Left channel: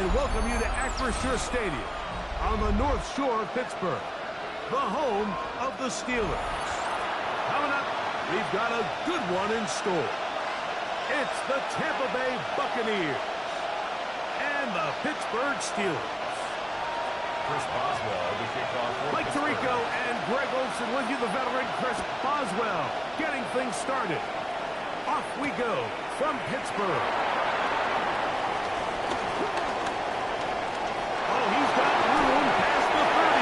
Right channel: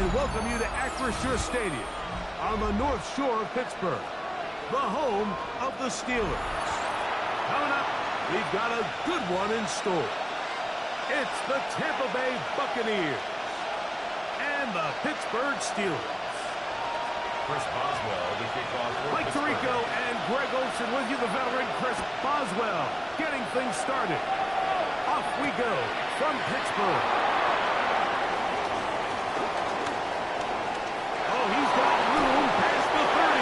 and welcome you to Acrisure Stadium on the North Shore of Pittsburgh, the home of the Steelers. Coming up, we've got a good one in store. It's the Tampa Bay Buccaneers and the Pittsburgh Steelers. Chris Boswell to kick off for Mike Pittsburgh. Tirico and Greg Olsen with you, the veteran Chris Boswell, getting things started. Off we go from Pittsburgh. Oh, he's got room past the 30.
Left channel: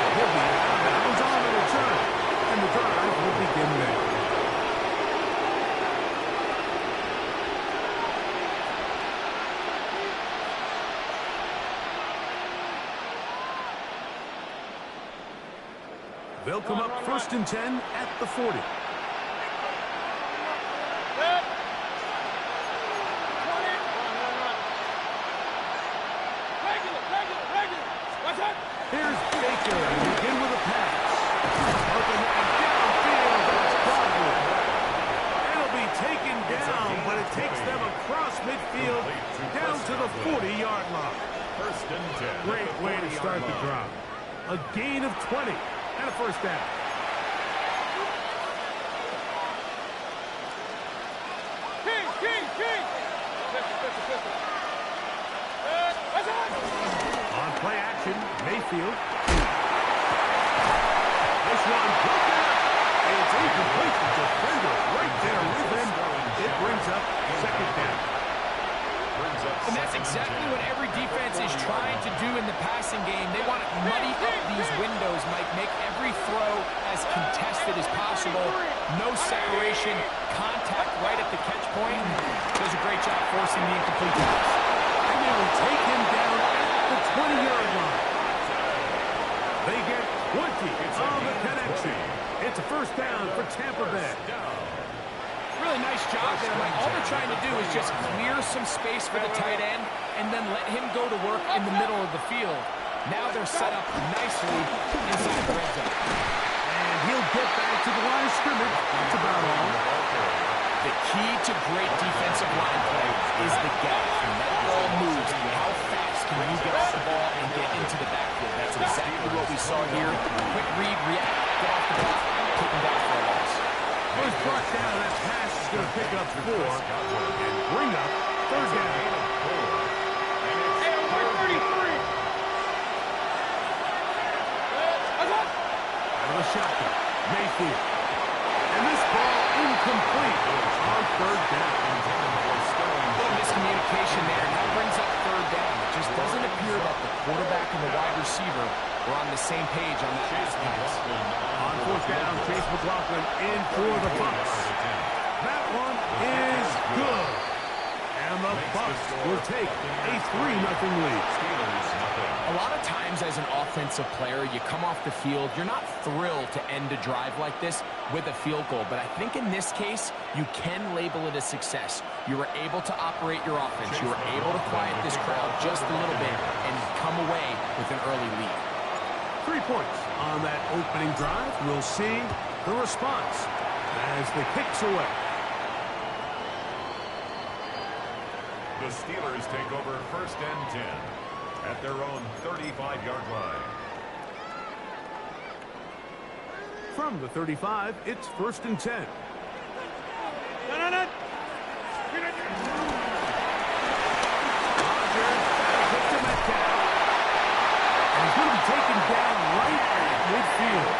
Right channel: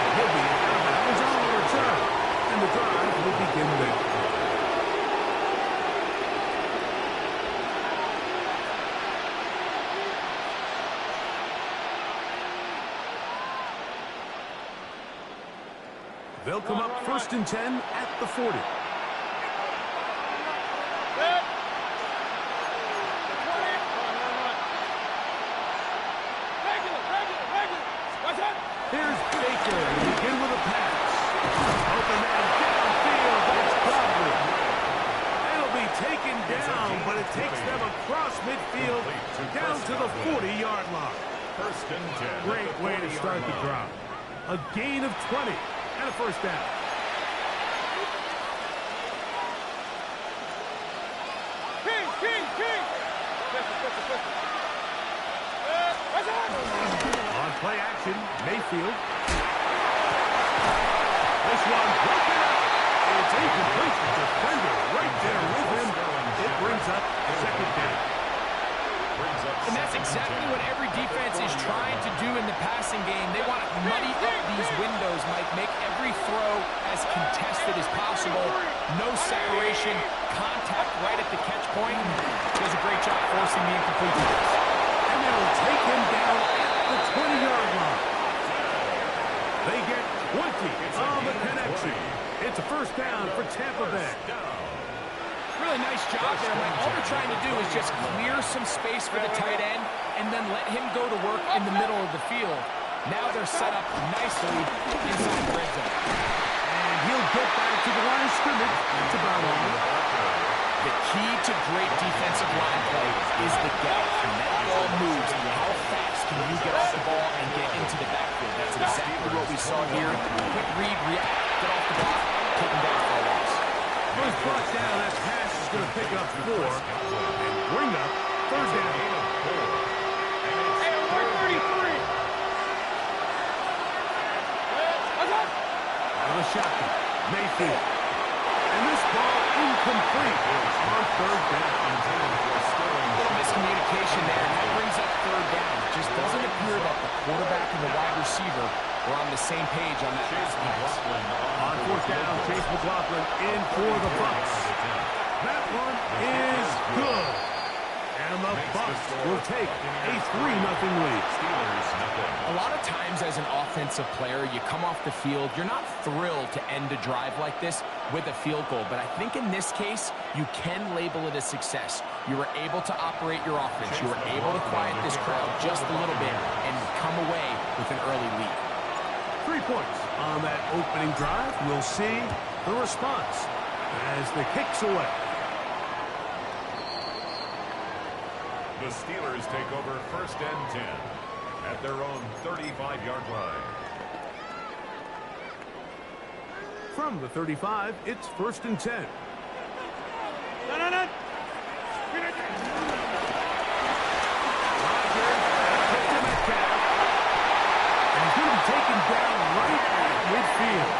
And he'll be out of bounds on the return. And the drive will begin there. They'll come up 1st and 10 at the 40. Here's Baker to begin with a pass. Open man downfield. That's Godwin. It'll be taken down, but it takes them across midfield down to the 40-yard line. 1st and 10. Great way to start the drive. A gain of 20 and a first down. On play action, Mayfield. This one broken up. It's incomplete. The defender right there with him. It brings up 2nd down. And that's exactly what every defense is trying to do in the passing game. They want to muddy up these windows, Mike, make every throw as contested as possible. No separation, contact right at the catch point. Does a great job forcing the incomplete pass. And they will take him down at the 20-yard line. They get 20 on the connection. It's a first down for Tampa Bay. Really nice job there, Mike. All they're trying to do is just clear some space for the tight end and then let him go to work in the middle of the field. Now they're set up nicely inside the red zone. And he'll get back to the line of scrimmage. That's about all. The key to great defensive line play is the gap. When that ball moves, how fast can you get off the ball and get into the backfield? That's exactly what we saw here. Quick read, react, get off the block, take him down for a loss. First brought down, that pass is going to pick up 4 and bring up 3rd down. Hey, 133. Out of the shotgun, Mayfield. And this ball incomplete on 3rd down. A little miscommunication there, and that brings up 3rd down. It just doesn't appear that the quarterback and the wide receiver were on the same page on that last pass. On 4th down, Chase McLaughlin in for the Bucs. That one is good. And the Bucs will take a 3-0 lead. A lot of times as an offensive player, you come off the field, you're not thrilled to end a drive like this with a field goal. But I think in this case, you can label it a success. You were able to operate your offense. You were able to quiet this crowd just a little bit and come away with an early lead. 3 points on that opening drive. We'll see the response as the kick's away. The Steelers take over 1st and 10 at their own 35-yard line. From the 35, it's 1st and 10. Rodgers back to Metcalf. And he's going to be taken down right at midfield.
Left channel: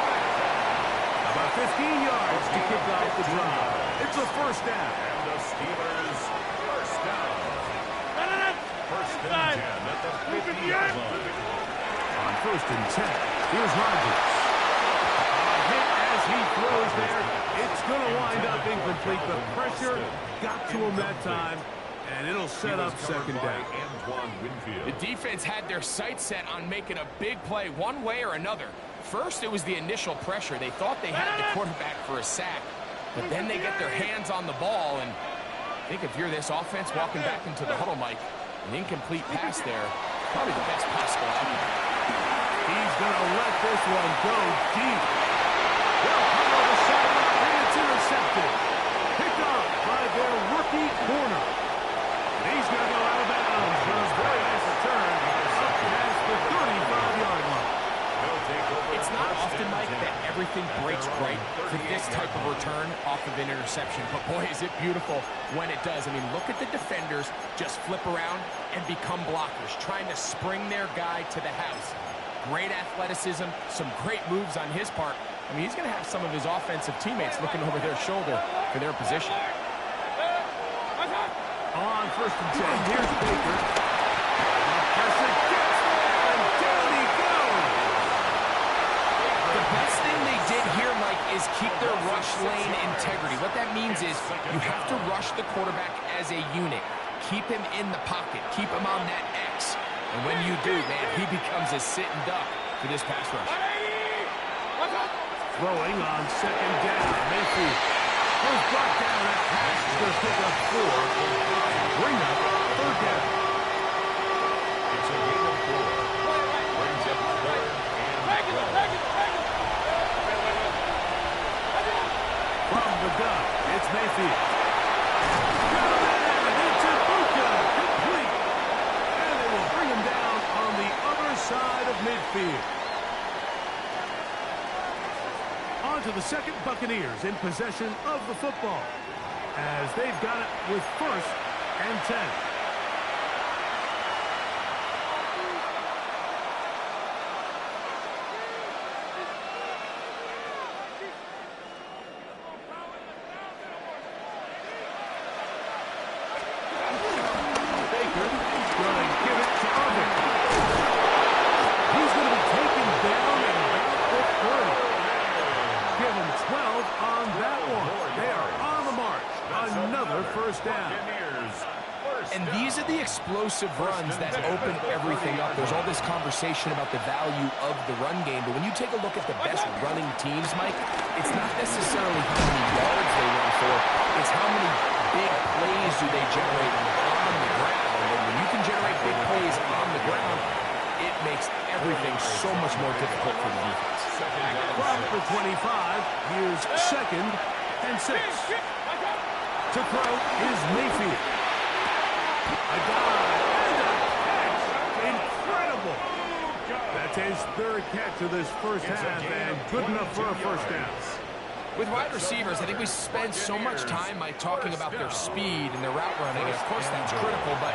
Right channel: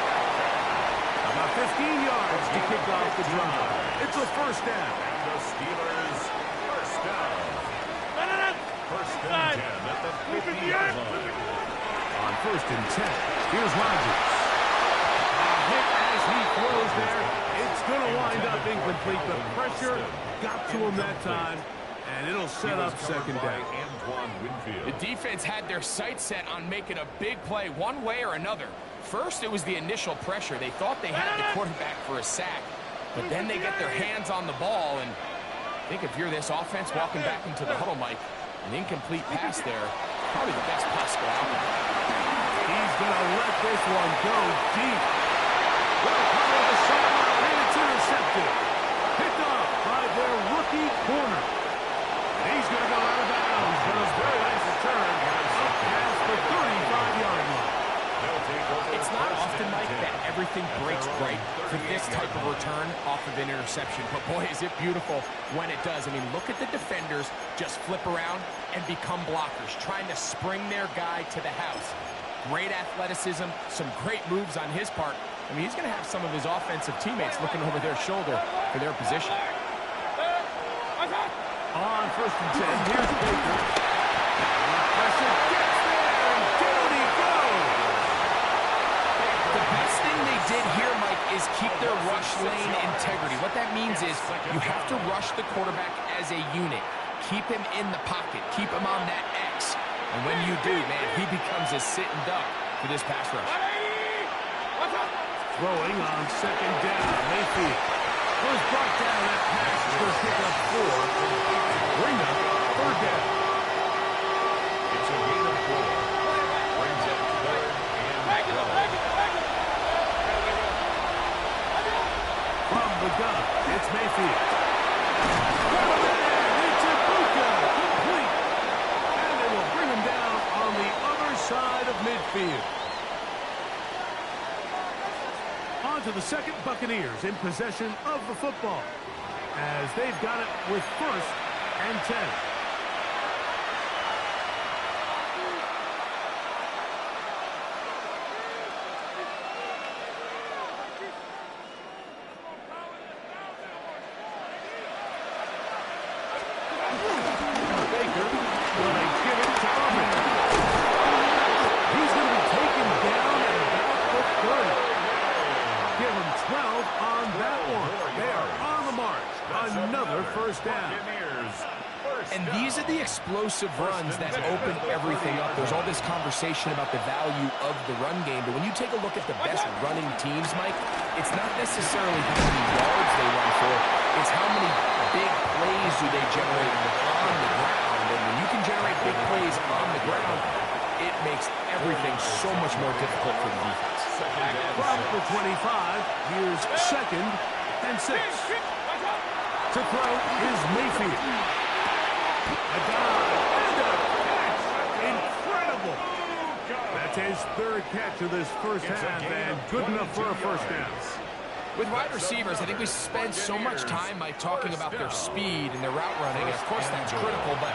About 15 yards to kick off the drive. It's a first down. And the Steelers first down. 1st and 10 at the 50-yard line. On 1st and 10, here's Rodgers. A hit as he throws there. It's going to wind up incomplete. The pressure got to him that time, and it'll set up 2nd down. The defense had their sights set on making a big play one way or another. First, it was the initial pressure. They thought they had the quarterback for a sack, but then they get their hands on the ball, and I think if you're this offense walking back into the huddle, Mike, an incomplete pass there, probably the best possible outcome. He's going to let this one go deep. Well, cover the sideline, and it's intercepted. Picked off by their rookie corner. And he's going to go out of bounds for a very everything breaks right for this type of return off of an interception. But boy, is it beautiful when it does. I mean, look at the defenders just flip around and become blockers, trying to spring their guy to the house. Great athleticism, some great moves on his part. I mean, he's going to have some of his offensive teammates looking over their shoulder for their position. On 1st and 10, here's Baker. The pressure gets there, and down he goes. The best thing they did here, Mike, is keep their rush lane integrity. What that means is you have to rush the quarterback as a unit. Keep him in the pocket. Keep him on that X. And when you do, man, he becomes a sitting duck for this pass rush. Throwing on 2nd down, Mayfield. Was brought down, that pass is going to pick up 4 and bring up 3rd down. It's a gain of 4. Brings up 3rd and 12. From the gun, it's Mayfield. Got him in, it's Ibuka, complete. And they will bring him down on the other side of midfield. On to the 2nd, Buccaneers in possession of the football, as they've got it with 1st and 10. Baker going to give it to Irvin. He's going to be taken down at about the 30. Give them 12 on that one. They are on the march. Another 1st down. And these are the explosive runs that open everything up. There's all this conversation about the value of the run game, but when you take a look at the best running teams, Mike, it's not necessarily how many yards they run for, it's how many big plays do they generate on the ground. And when you can generate big plays on the ground, it makes everything so much more difficult for the defense. From the 25, here's 2nd and 6. To throw is Mayfield. A dive and a catch. Incredible. That's his 3rd catch of this 1st half, and good enough for a 1st down. With wide receivers, I think we spend so much time, Mike, talking about their speed and their route running, and of course that's critical, but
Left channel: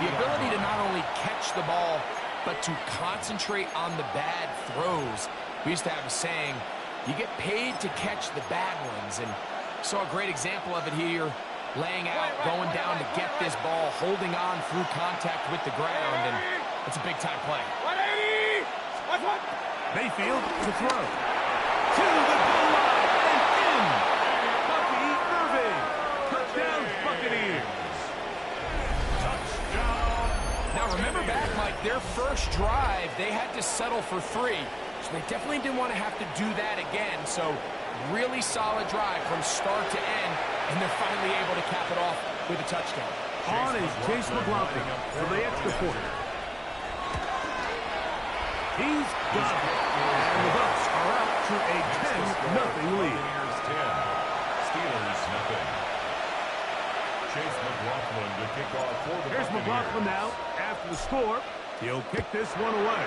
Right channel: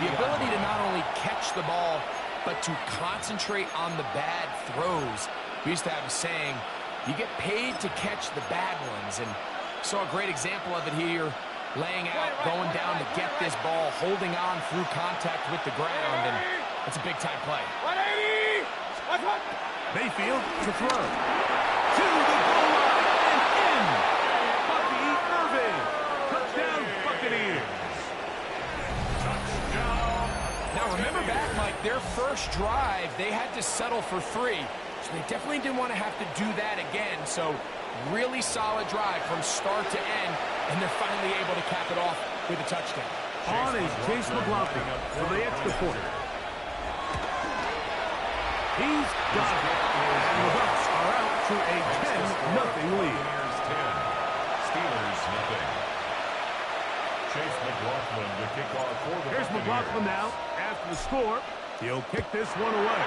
the ability to not only catch the ball, but to concentrate on the bad throws. We used to have a saying, you get paid to catch the bad ones, and saw a great example of it here, laying out, going down to get this ball, holding on through contact with the ground, and it's a big-time play. Mayfield to throw. To the goal line and in. Bucky Irving. Touchdown, Buccaneers. Touchdown. Now remember back, Mike, their first drive, they had to settle for 3. So they definitely didn't want to have to do that again. So really solid drive from start to end, and they're finally able to cap it off with a touchdown. On is Chase McLaughlin for the extra point. He's got it. And the Bucs are out to a 10-0 lead. Buccaneers 10, Steelers nothing. Chase McLaughlin to kick off for the Here's Buccaneers. McLaughlin now after the score. He'll kick this one away.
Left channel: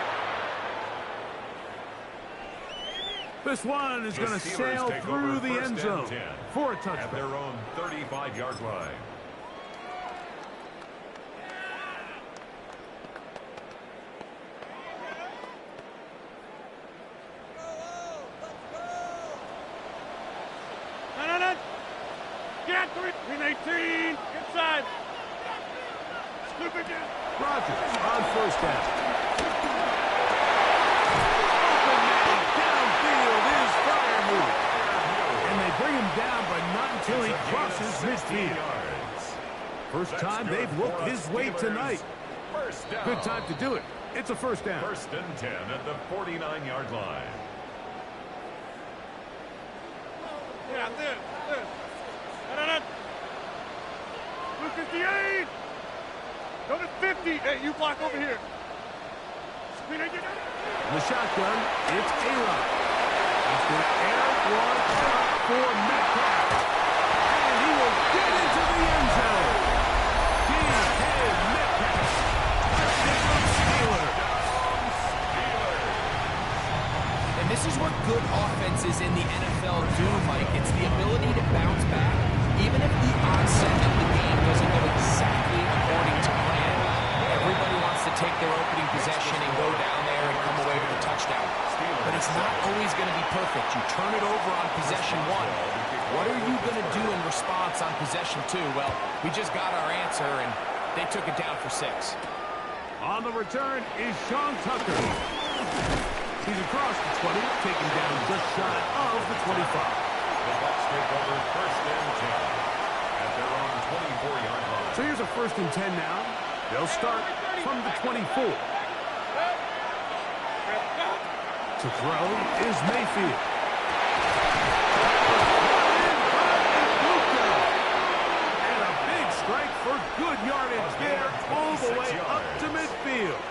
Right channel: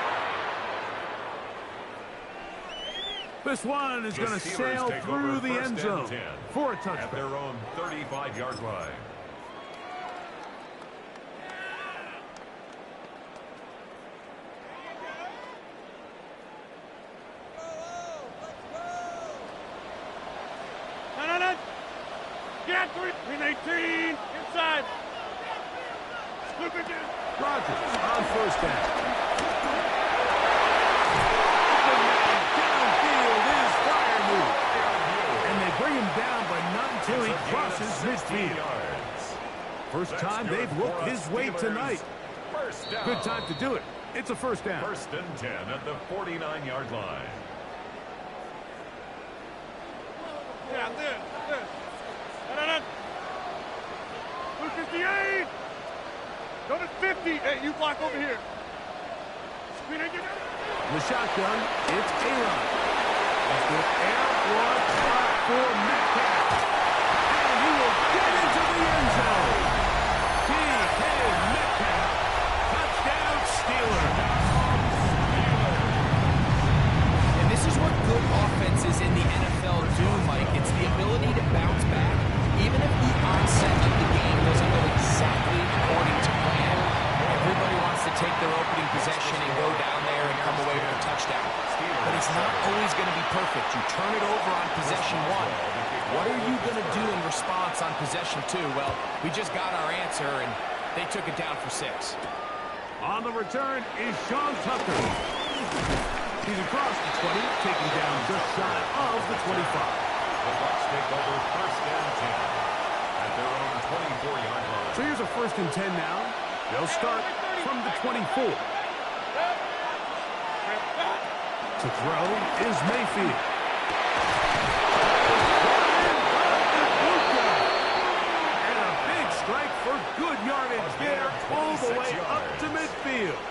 This one is going to sail through the end zone for a touchdown. At their own 35-yard line. No. Get 318 inside. Stupid dude. Rodgers on 1st down. Open man downfield is Freiermuth. And they bring him down, but not until he crosses midfield. First time they've looked his way tonight. Good time to do it. It's a 1st down. 1st and 10 at the 49-yard line. Yeah, this. No. 258. Go to 50. Hey, you block over here. In the shotgun, it's A-Rod. He's going to air one out for Metcalf. And he will get into the end zone. D.K. Metcalf. Touchdown, Steelers. And this is what good offenses take their opening possession and go down there and come away with a touchdown. But it's not always going to be perfect. You turn it over on possession 1. What are you going to do in response on possession 2? Well, we just got our answer, and they took it down for 6. On the return is Sean Tucker. He's across the 20, taken down just shy of the 25. The Bucs take over first and 10 at their own 24-yard line. So here's a first and 10 now. They'll start from the 24. To throw is Mayfield. And a big strike for good yardage there, all the way up to midfield.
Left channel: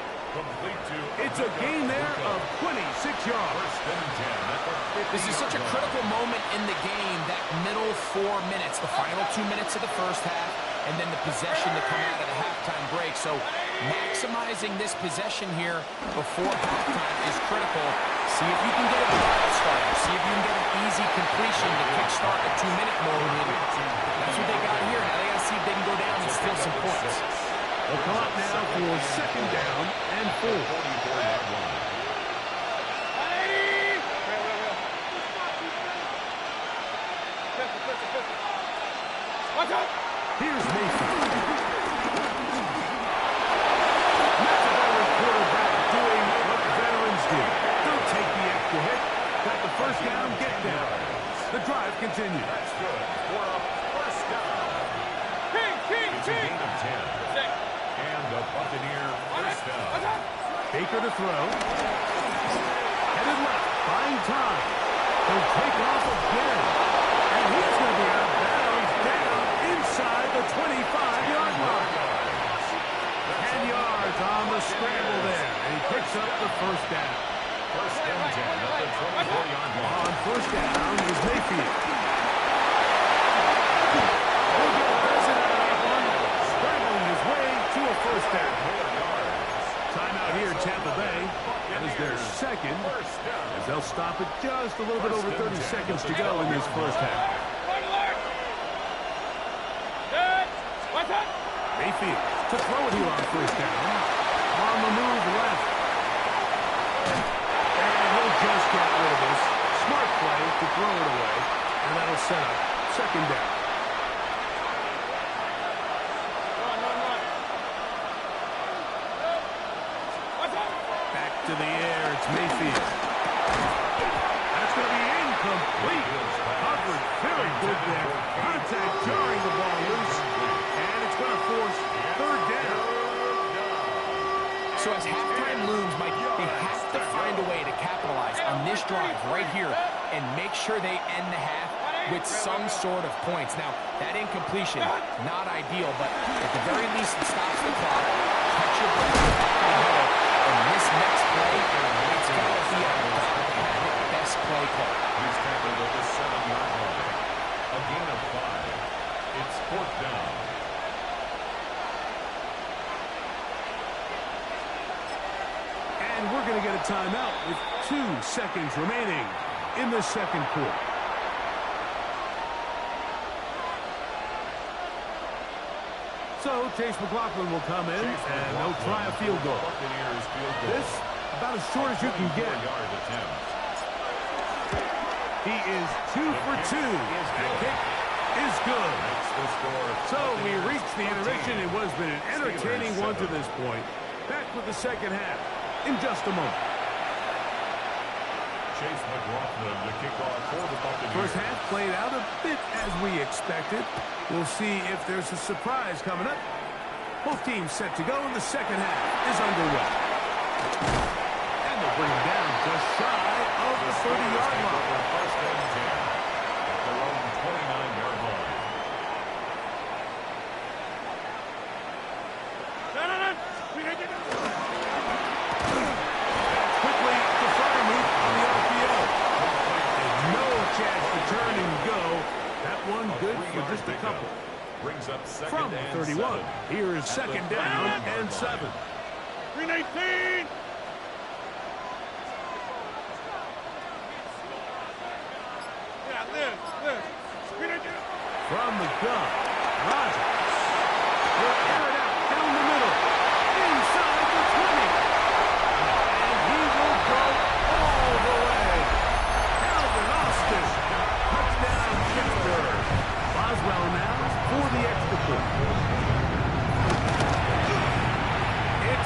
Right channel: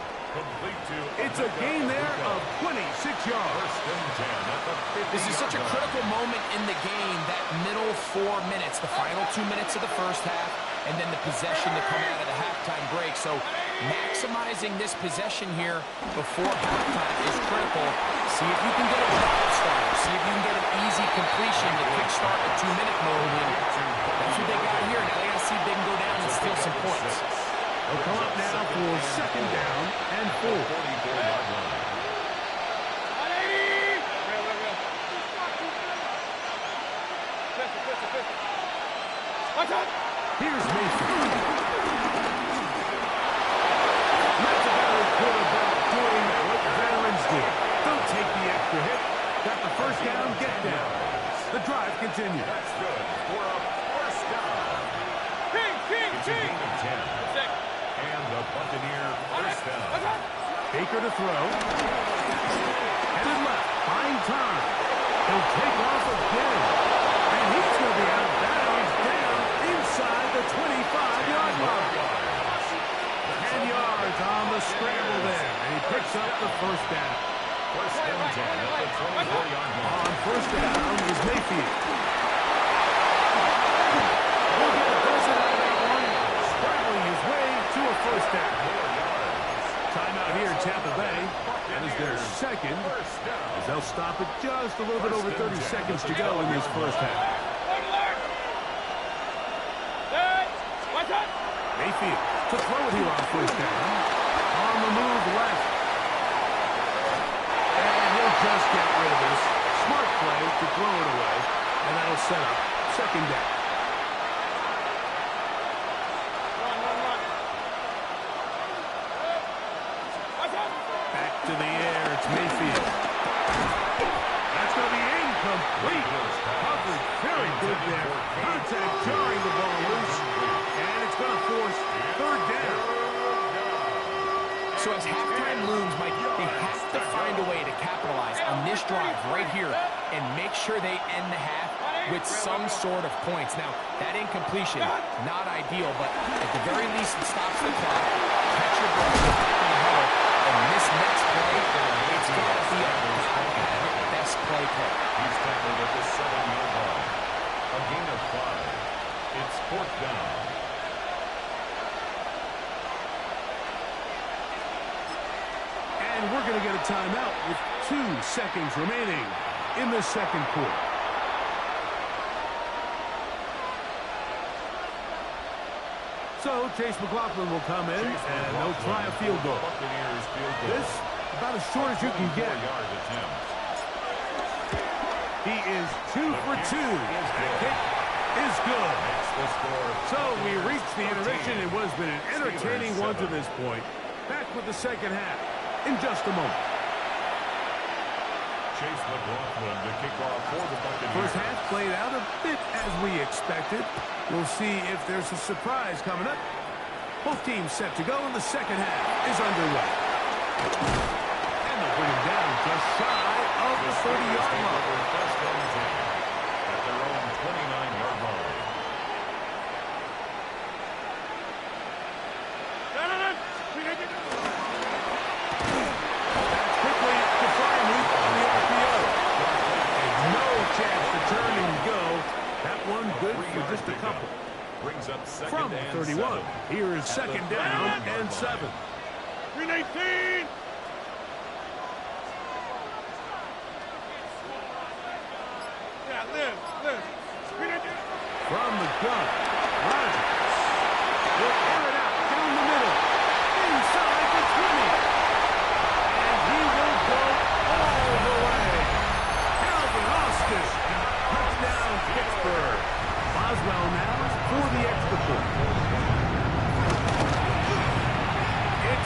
It's a gain there of 26 yards. First and 10 at the 50-yard line. This is such a critical moment in the game, that middle 4 minutes, the final 2 minutes of the first half, and then the possession to come out of the halftime break. So maximizing this possession here before halftime is critical. See if you can get a drive starter. See if you can get an easy completion to kickstart a 2-minute mode. And that's what they got here. Now they got to see if they can go down and steal some points. They'll come up now for second down and 4. 44-yard line. Here's Mayfield. That's a veteran quarterback doing what veterans do. Don't take the extra hit. Got the first down, get down. The drive continues. That's good for a first down. It's a gain of 10. And the Buccaneer first down. Baker to throw. Headed left, buying time. He'll take off again. And he's going to be out of bounds down inside the 25-yard line. 10 yards on the scramble there. And he picks up the first down. First and 10 at the 24-yard line. On first down is Mayfield. He'll get a dozen out of that one. Scrambling his way to a first down. 4 yards. Timeout here, Tampa Bay. That is their second, as they'll stop it just a little bit over 30 seconds to go in this first half. Mayfield to throw it here on first down. On the move left. And he'll just get rid of this. Smart play to throw it away. And that'll set up second down. Back to the air, it's Mayfield. That's going to be incomplete. Coverage very good there. Contact jarring the ball loose. And it's going to force third down. So as halftime looms, Mike, they have to find a way to capitalize on this drive right here and make sure they end the half with some sort of points. Now, that incompletion, not ideal, but at the very least it stops the clock. Catch your breath, get back in the huddle, and this next play, it's got to be a God-had best play call. He's tackled at the 7-yard line. A gain of 5. It's fourth down. And we're going to get a timeout with 2 seconds remaining in the second quarter. So Chase McLaughlin will come in, and they'll try a field goal. This, about as short as you can get. He is 2 for 2. That kick is good. So we reached the intermission. It has been an entertaining one to this point. Back with the second half in just a moment. Chase McLaughlin to kick off for the Buccaneers. First half played out a bit as we expected. We'll see if there's a surprise coming up. Both teams set to go, and the second half is underway. And they'll bring him down just shy of the 30-yard line. First and 10 at their own 29-yard line. That's quickly to Fryermuth on the RPO. And no chance to turn and go. That one good for just a couple. Brings up second From and 31, 7. here is second down and 7. 319. Yeah, live. From the gun, Rodgers will air it out down the middle, inside the 20.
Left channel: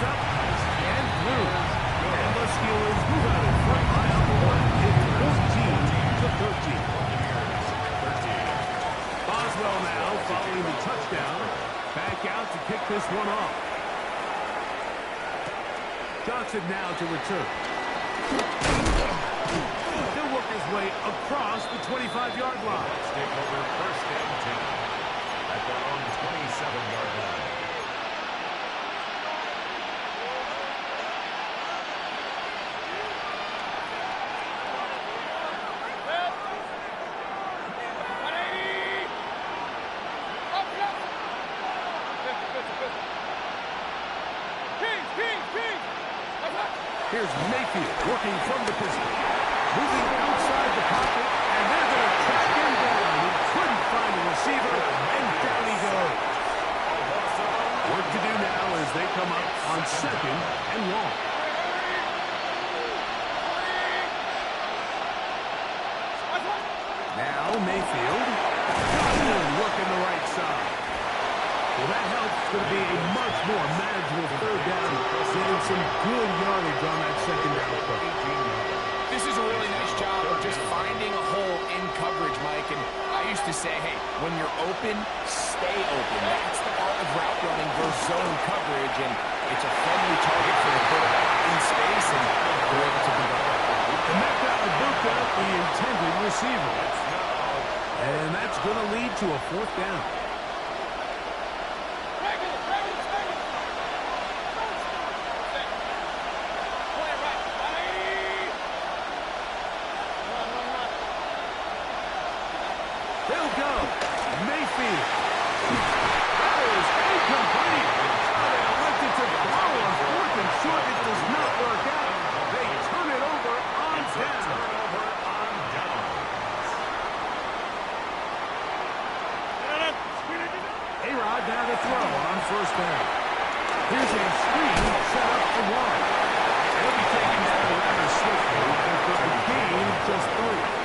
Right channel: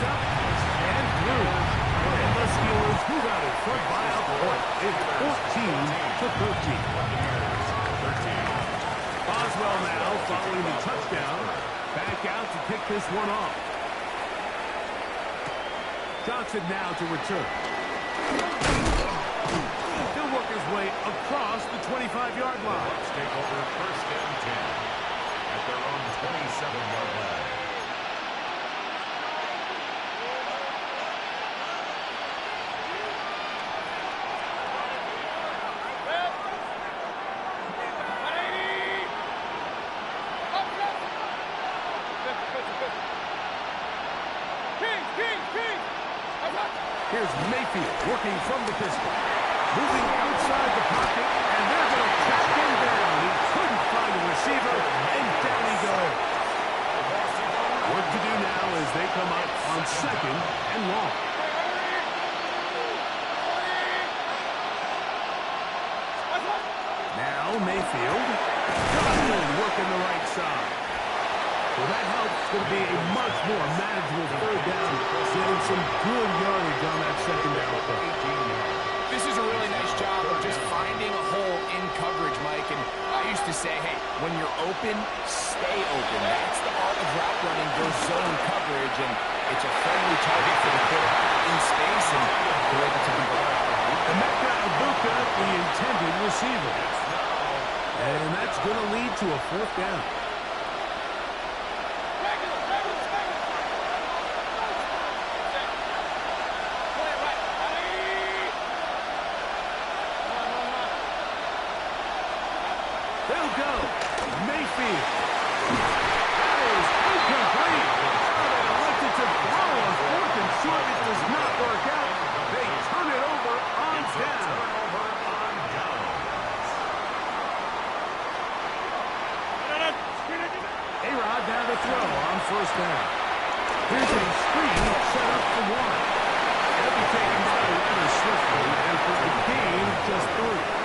It's up and through. And the Steelers move out in front by a point. It's 14-13. Buccaneers 13. Boswell now following the touchdown. Back out to kick this one off. Johnson now to return. He'll work his way across the 25-yard line. Let's take over first and 10 at their own 27-yard line. Here's Mayfield working from the pistol. Moving outside the pocket, and they're going to track him down. He couldn't find a receiver, and down he goes. Work to do now as they come up on second and long. Now Mayfield. Johnson working the right side. Well, that helps. It's going to be a much more manageable third down, getting some good yardage on that second down play. This is a really nice job of just finding a hole in coverage, Mike. And I used to say, hey, when you're open, stay open. That's the art of route running versus zone coverage. And it's a friendly target for the quarterback in space, and they're able to convert. Emeka Egbuka, the intended receiver. And that's going to lead to a fourth down. They'll go. Mayfield. That is incomplete. Oh, they elected to throw on fourth and short. It does not work out. They turn it over on down. Turnover on downs. A-Rod now to throw on first down. Here's a screen set up for one. It'll be taken down rather swiftly, and for a gain of just 3.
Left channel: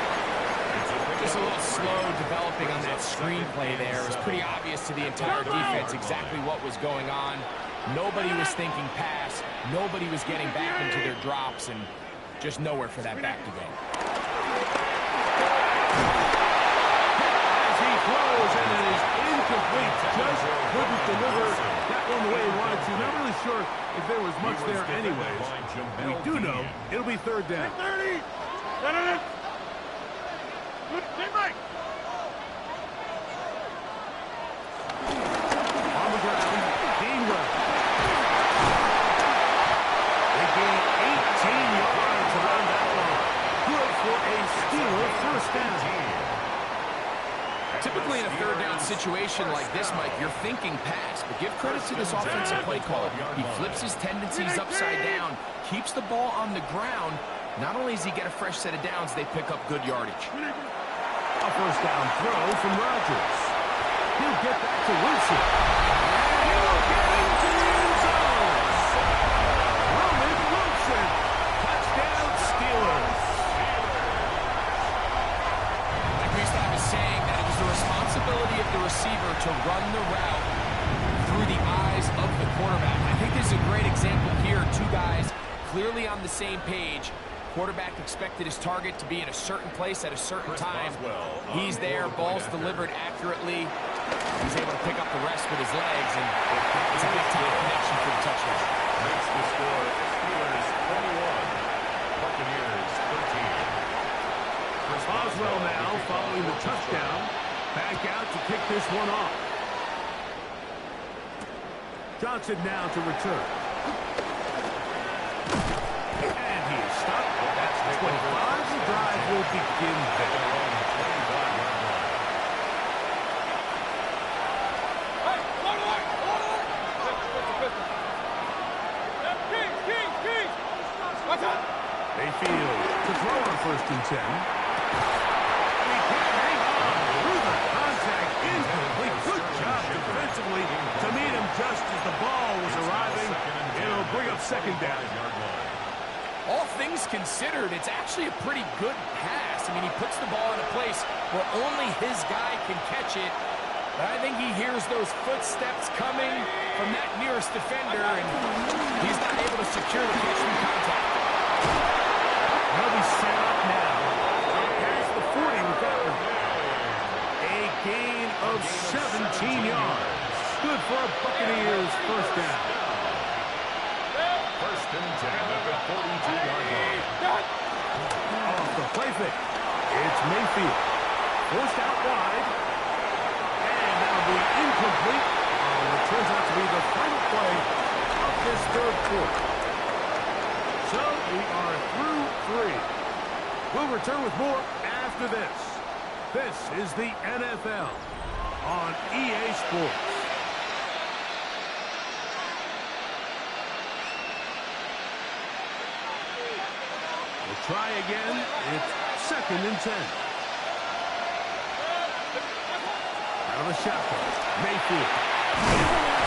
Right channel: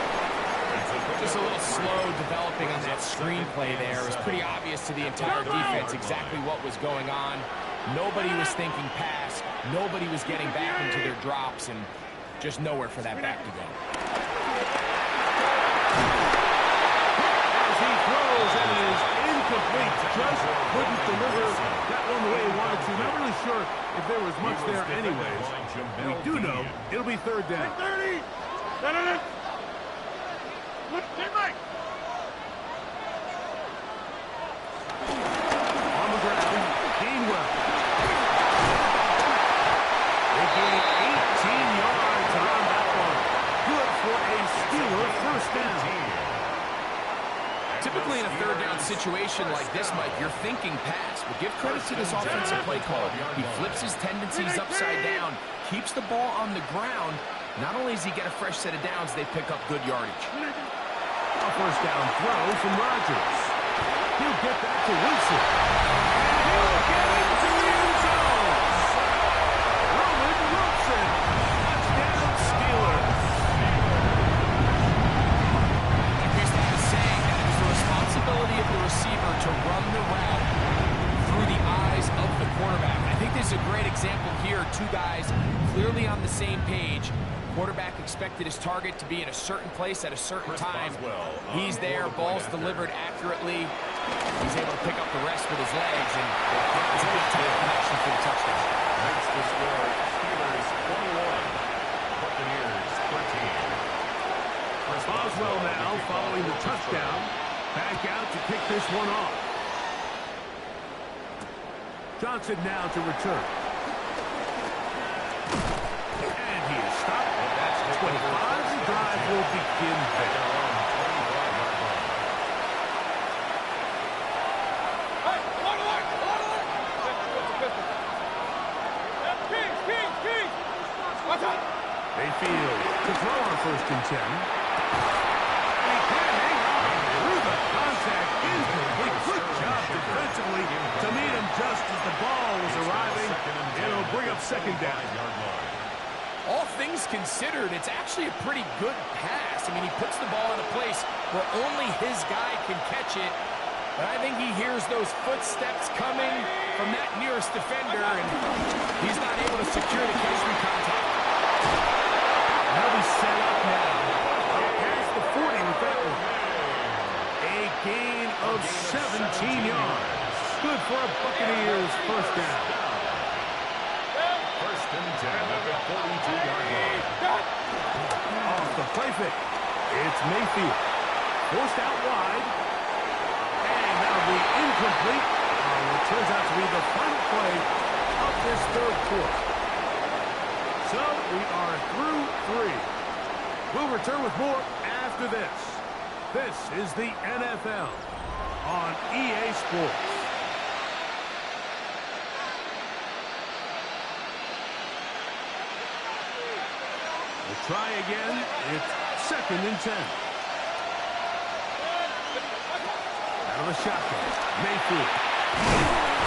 Just a little slow developing on that screenplay there. It was pretty obvious to the entire defense exactly what was going on. Nobody was thinking pass. Nobody was getting back into their drops, and just nowhere for that back to go. As he throws, and it is incomplete. Just couldn't deliver that one the way he wanted to. Not really sure if there was much there anyways. We do know it'll be third down. 30. Good team, Mike. On the ground, Gainwell. They gain 18 yards on that one. Good for a Steeler first down. Typically in a third down situation like this, Mike, you're thinking pass, but give credit to this offensive play caller. He flips his tendencies upside down, keeps the ball on the ground. Not only does he get a fresh set of downs, they pick up good yardage. A first down throw from Rodgers. He'll get back to Wilson. And he'll get into the end zone. Roman Wilson. Touchdown Steelers. Like we used to have a saying that it was the responsibility of the receiver to run the route through the eyes of the quarterback. I think this is a great example here. Two guys clearly on the same page. Quarterback expected his target to be in a certain place at a certain time. He's there, ball's delivered accurately. He's able to pick up the rest with his legs, and it's a big-time connection for the touchdown. Makes the score Steelers 21, Buccaneers 13. Boswell now following the touchdown. Back out to kick this one off. Johnson now to return. And he is stopped. That's 25. The drive will begin there. Mayfield to throw on first and 10. And he can't hang on through the contact. Incomplete. Good job defensively to meet him just as the ball was arriving. It'll bring up second down. All things considered, it's actually a pretty good pass. I mean, he puts the ball in a place where only his guy can catch it. But I think he hears those footsteps coming from that nearest defender, and he's not able to secure the catch through contact. They'll be set up now. Up past the 40 with that one. A gain of 17 yards. Good for a Buccaneers first down. First and 10 at the 42-yard line. Off the play fake. It's Mayfield. Forced out wide. And that'll be incomplete on what turns out to be the final play of this third quarter. So we are through 3. We'll return with more after this. This is the NFL on EA Sports. We'll try again. It's 2nd and 10. Out of the shotgun. Mayfield.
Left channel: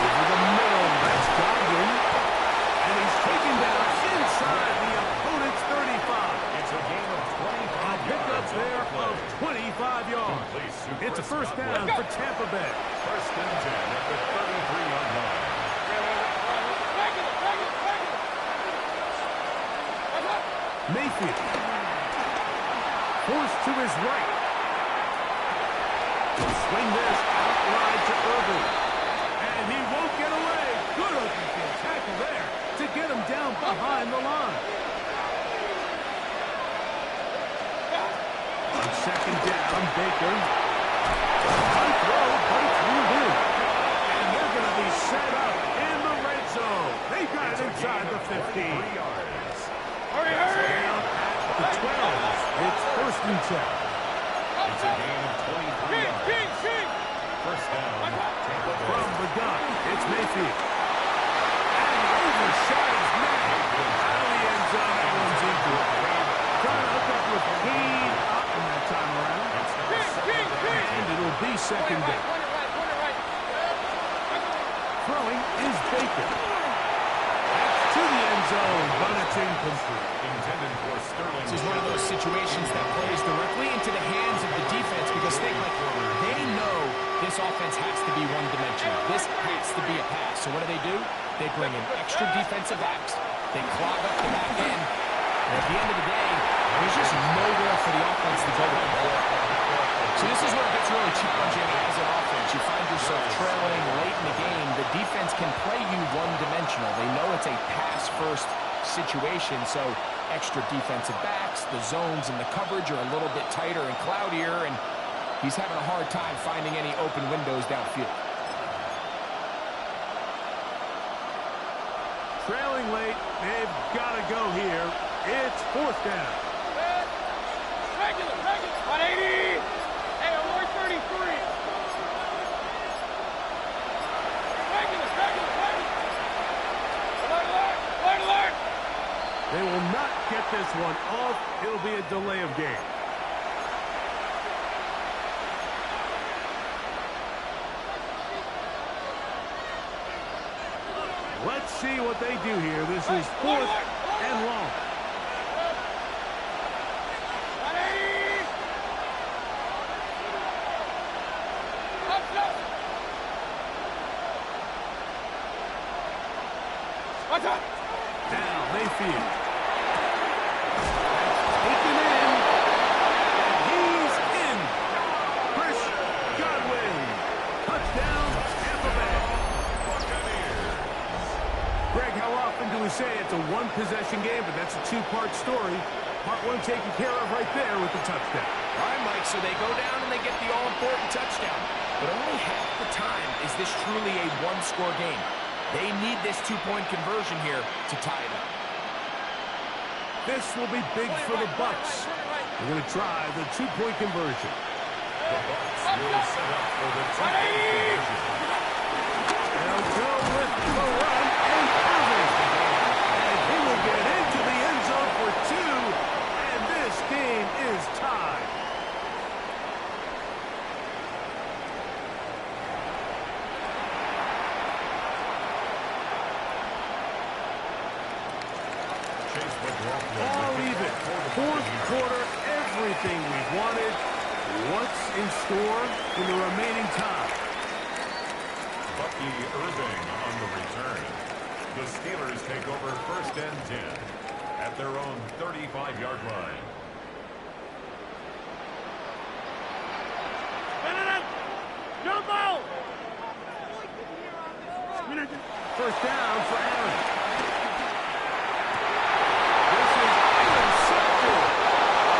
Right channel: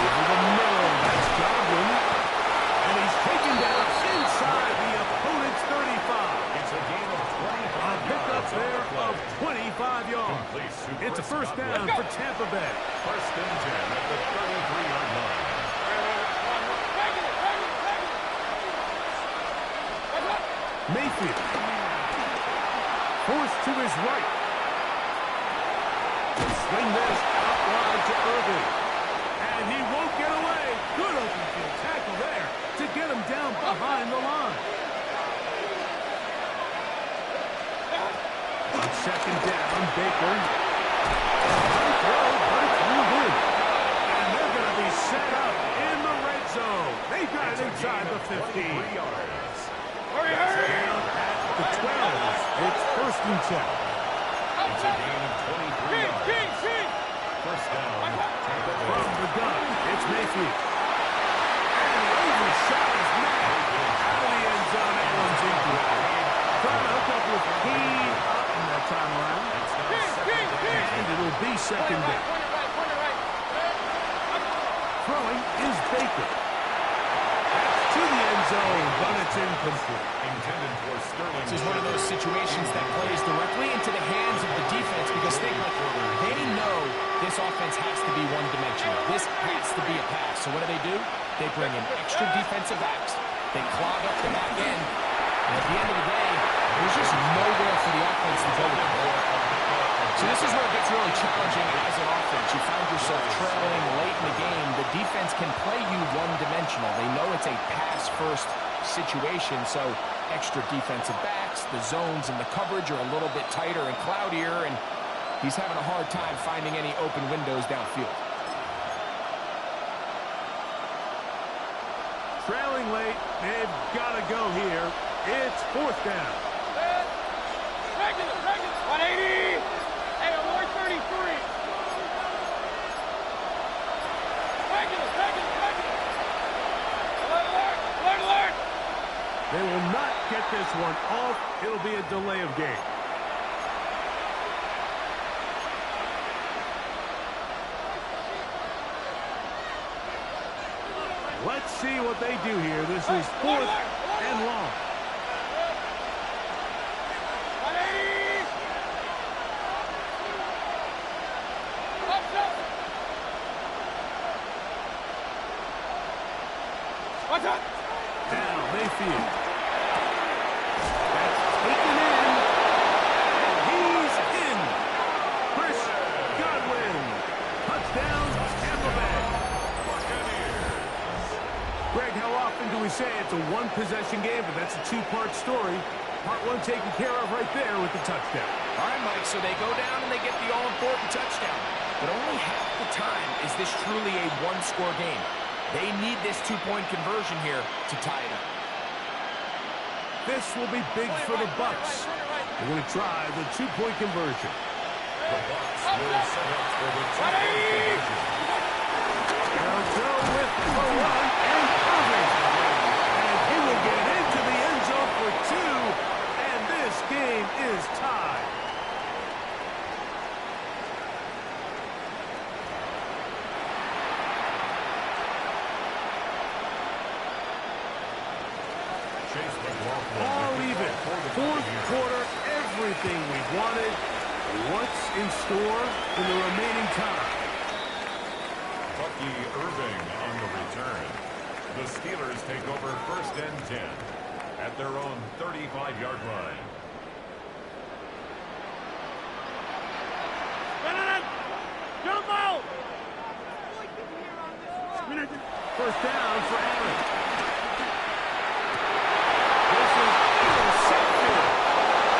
Over the middle. That's Godwin. And he's taken down inside the opponent's 35. It's a gain of 25 A pickup there of 25 yards. It's a first down for Tampa Bay. First and 10 at the 33-yard line. Mayfield. Forced to his right. He'll swing this out wide to Irvin. And he won't get away. Good open field tackle there to get him down behind the line. On second down, Baker. High throw, but it's ruled in. And they're going to be set up in the red zone. They got it inside the 50. Hurry, Down at the 12. It's first and 10. It's a gain of 23 yards. First down, Tampa Bay. From the gun, it's Mayfield. And he overshot his man. Out of the end zone, that one's incomplete. Trying to hook up with Heed up in that time around. It's now second down. And it'll be second down. Throwing is Baker. That's to the end zone, but it's incomplete. Intended for Sterling. This is one of those situations that plays directly into the hands of the defense because they know this offense has to be one-dimensional. This has to be a pass. So what do? They bring in extra defensive backs. They clog up the back end. And at the end of the day, there's just nowhere for the offense to go with the ball. So this is where it gets really challenging as an offense. You find yourself trailing late in the game. The defense can play you one-dimensional. They know it's a pass-first situation, so extra defensive backs, the zones and the coverage are a little bit tighter and cloudier, and he's having a hard time finding any open windows downfield. Trailing late, they've got to go here. It's fourth down. Regular. 180. Hey, I'm 33. Regular. Alert. They will not get this one off. It'll be a delay of game. Let's see what they do here. This is fourth and long. 180. Up. What's up? Now Mayfield. That's taken in. And he's in. Chris Godwin. Touchdown, Tampa Bay. Greg, how often do we say it's a one-possession game, but that's a two-part story? Part one taken care of right there with the touchdown. All right, Mike, so they go down and they get the all-important touchdown. But only half the time is this truly a one-score game. They need this two-point conversion here to tie it up. This will be big for the Bucs. They're going to try the two-point conversion. The Bucs will set up for the two-point conversion. They'll go with the run and Irving. And he will get into the end zone for 2. And this game is tied. All even. Fourth quarter, everything we've wanted. What's in store in the remaining time? Bucky Irving on the return. The Steelers take over 1st and 10 at their own 35-yard line. Jump out! First down for Aaron. This is intercepted.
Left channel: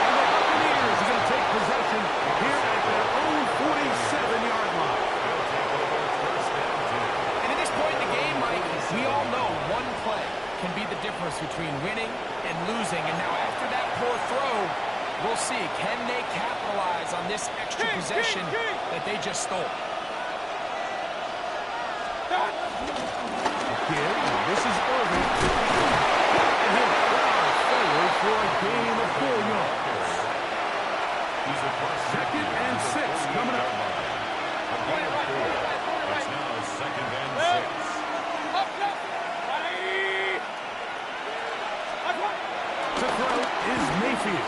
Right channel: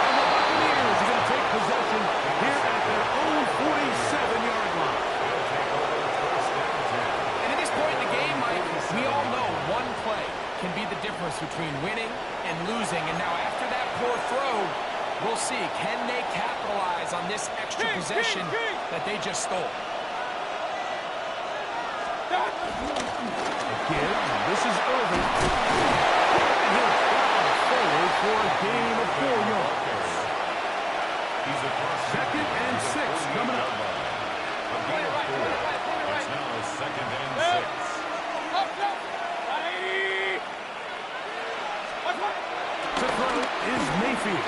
And the Buccaneers are going to take possession here at their own 47-yard line. They'll take over 1st and 10. And at this point in the game, Mike, we all know one play can be the difference between winning and losing. And now after that poor throw, we'll see, can they capitalize on this extra possession that they just stole? Again, this is Irving. And he'll plow forward for a gain of 4 yards. He's across 2nd and 6 coming up. A gain of 4. It's now 2nd and 6. To throw is Mayfield.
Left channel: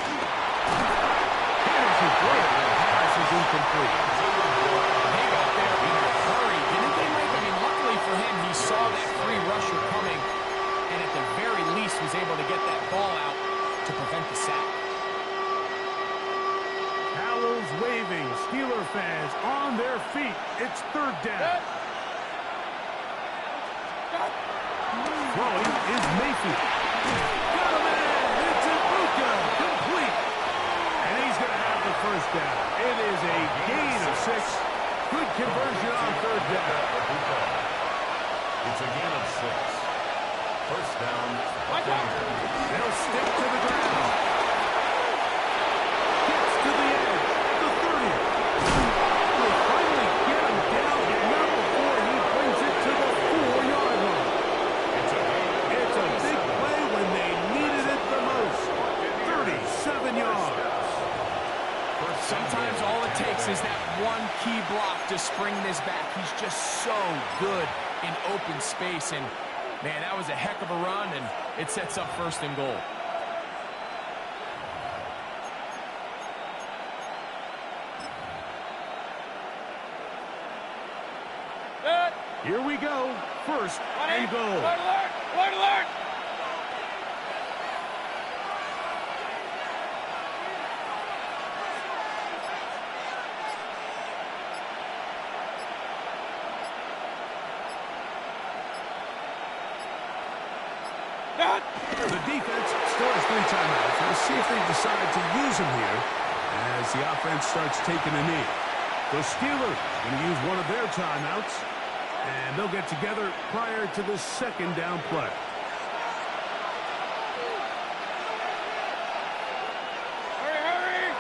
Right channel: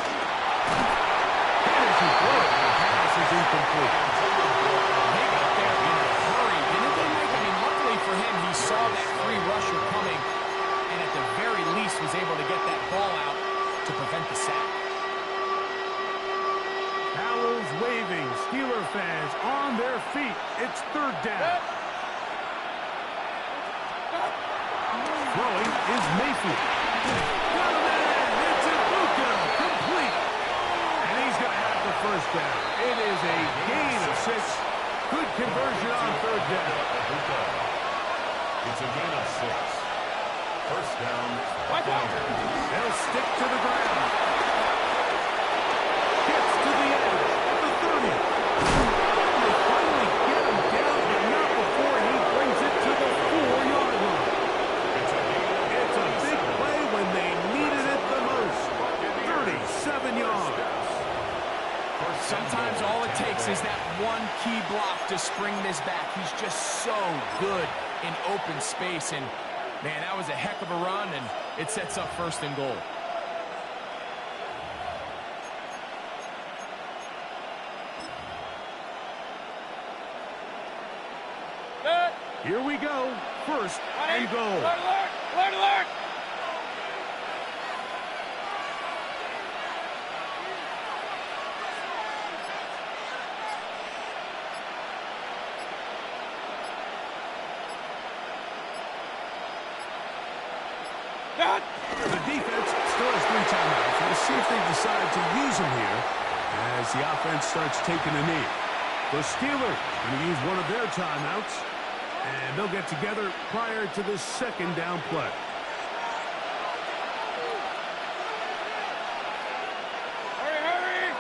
And as he throws, the pass is incomplete. They got there in a hurry, didn't they, Mike? I mean, luckily for him, he saw that free rusher coming, and at the very least was able to get that ball out to prevent the sack. Towels waving, Steeler fans on their feet. It's 3rd down. Throwing is Mayfield. Got him in. It's Ibuka. Complete. And he's going to have the 1st down. It is a gain of 6. Good conversion on 3rd down. It's a gain of 6. 1st down. They'll stick to the ground. Gets to the edge at the 30. And they finally get him down, but not before he brings it to the 4-yard line. It's a big play when they needed it the most. 37 yards. Sometimes all it takes is that one key block to spring this back. He's just so good in open space. And, man, that was a heck of a run, and it sets up 1st and goal. Here we go. 1st and goal. Alert! The defense still has 3 timeouts. We'll see if they decide to use them here as the offense starts taking a knee. The Steelers going to use one of their timeouts, and they'll get together prior to the 2nd down play. Hurry!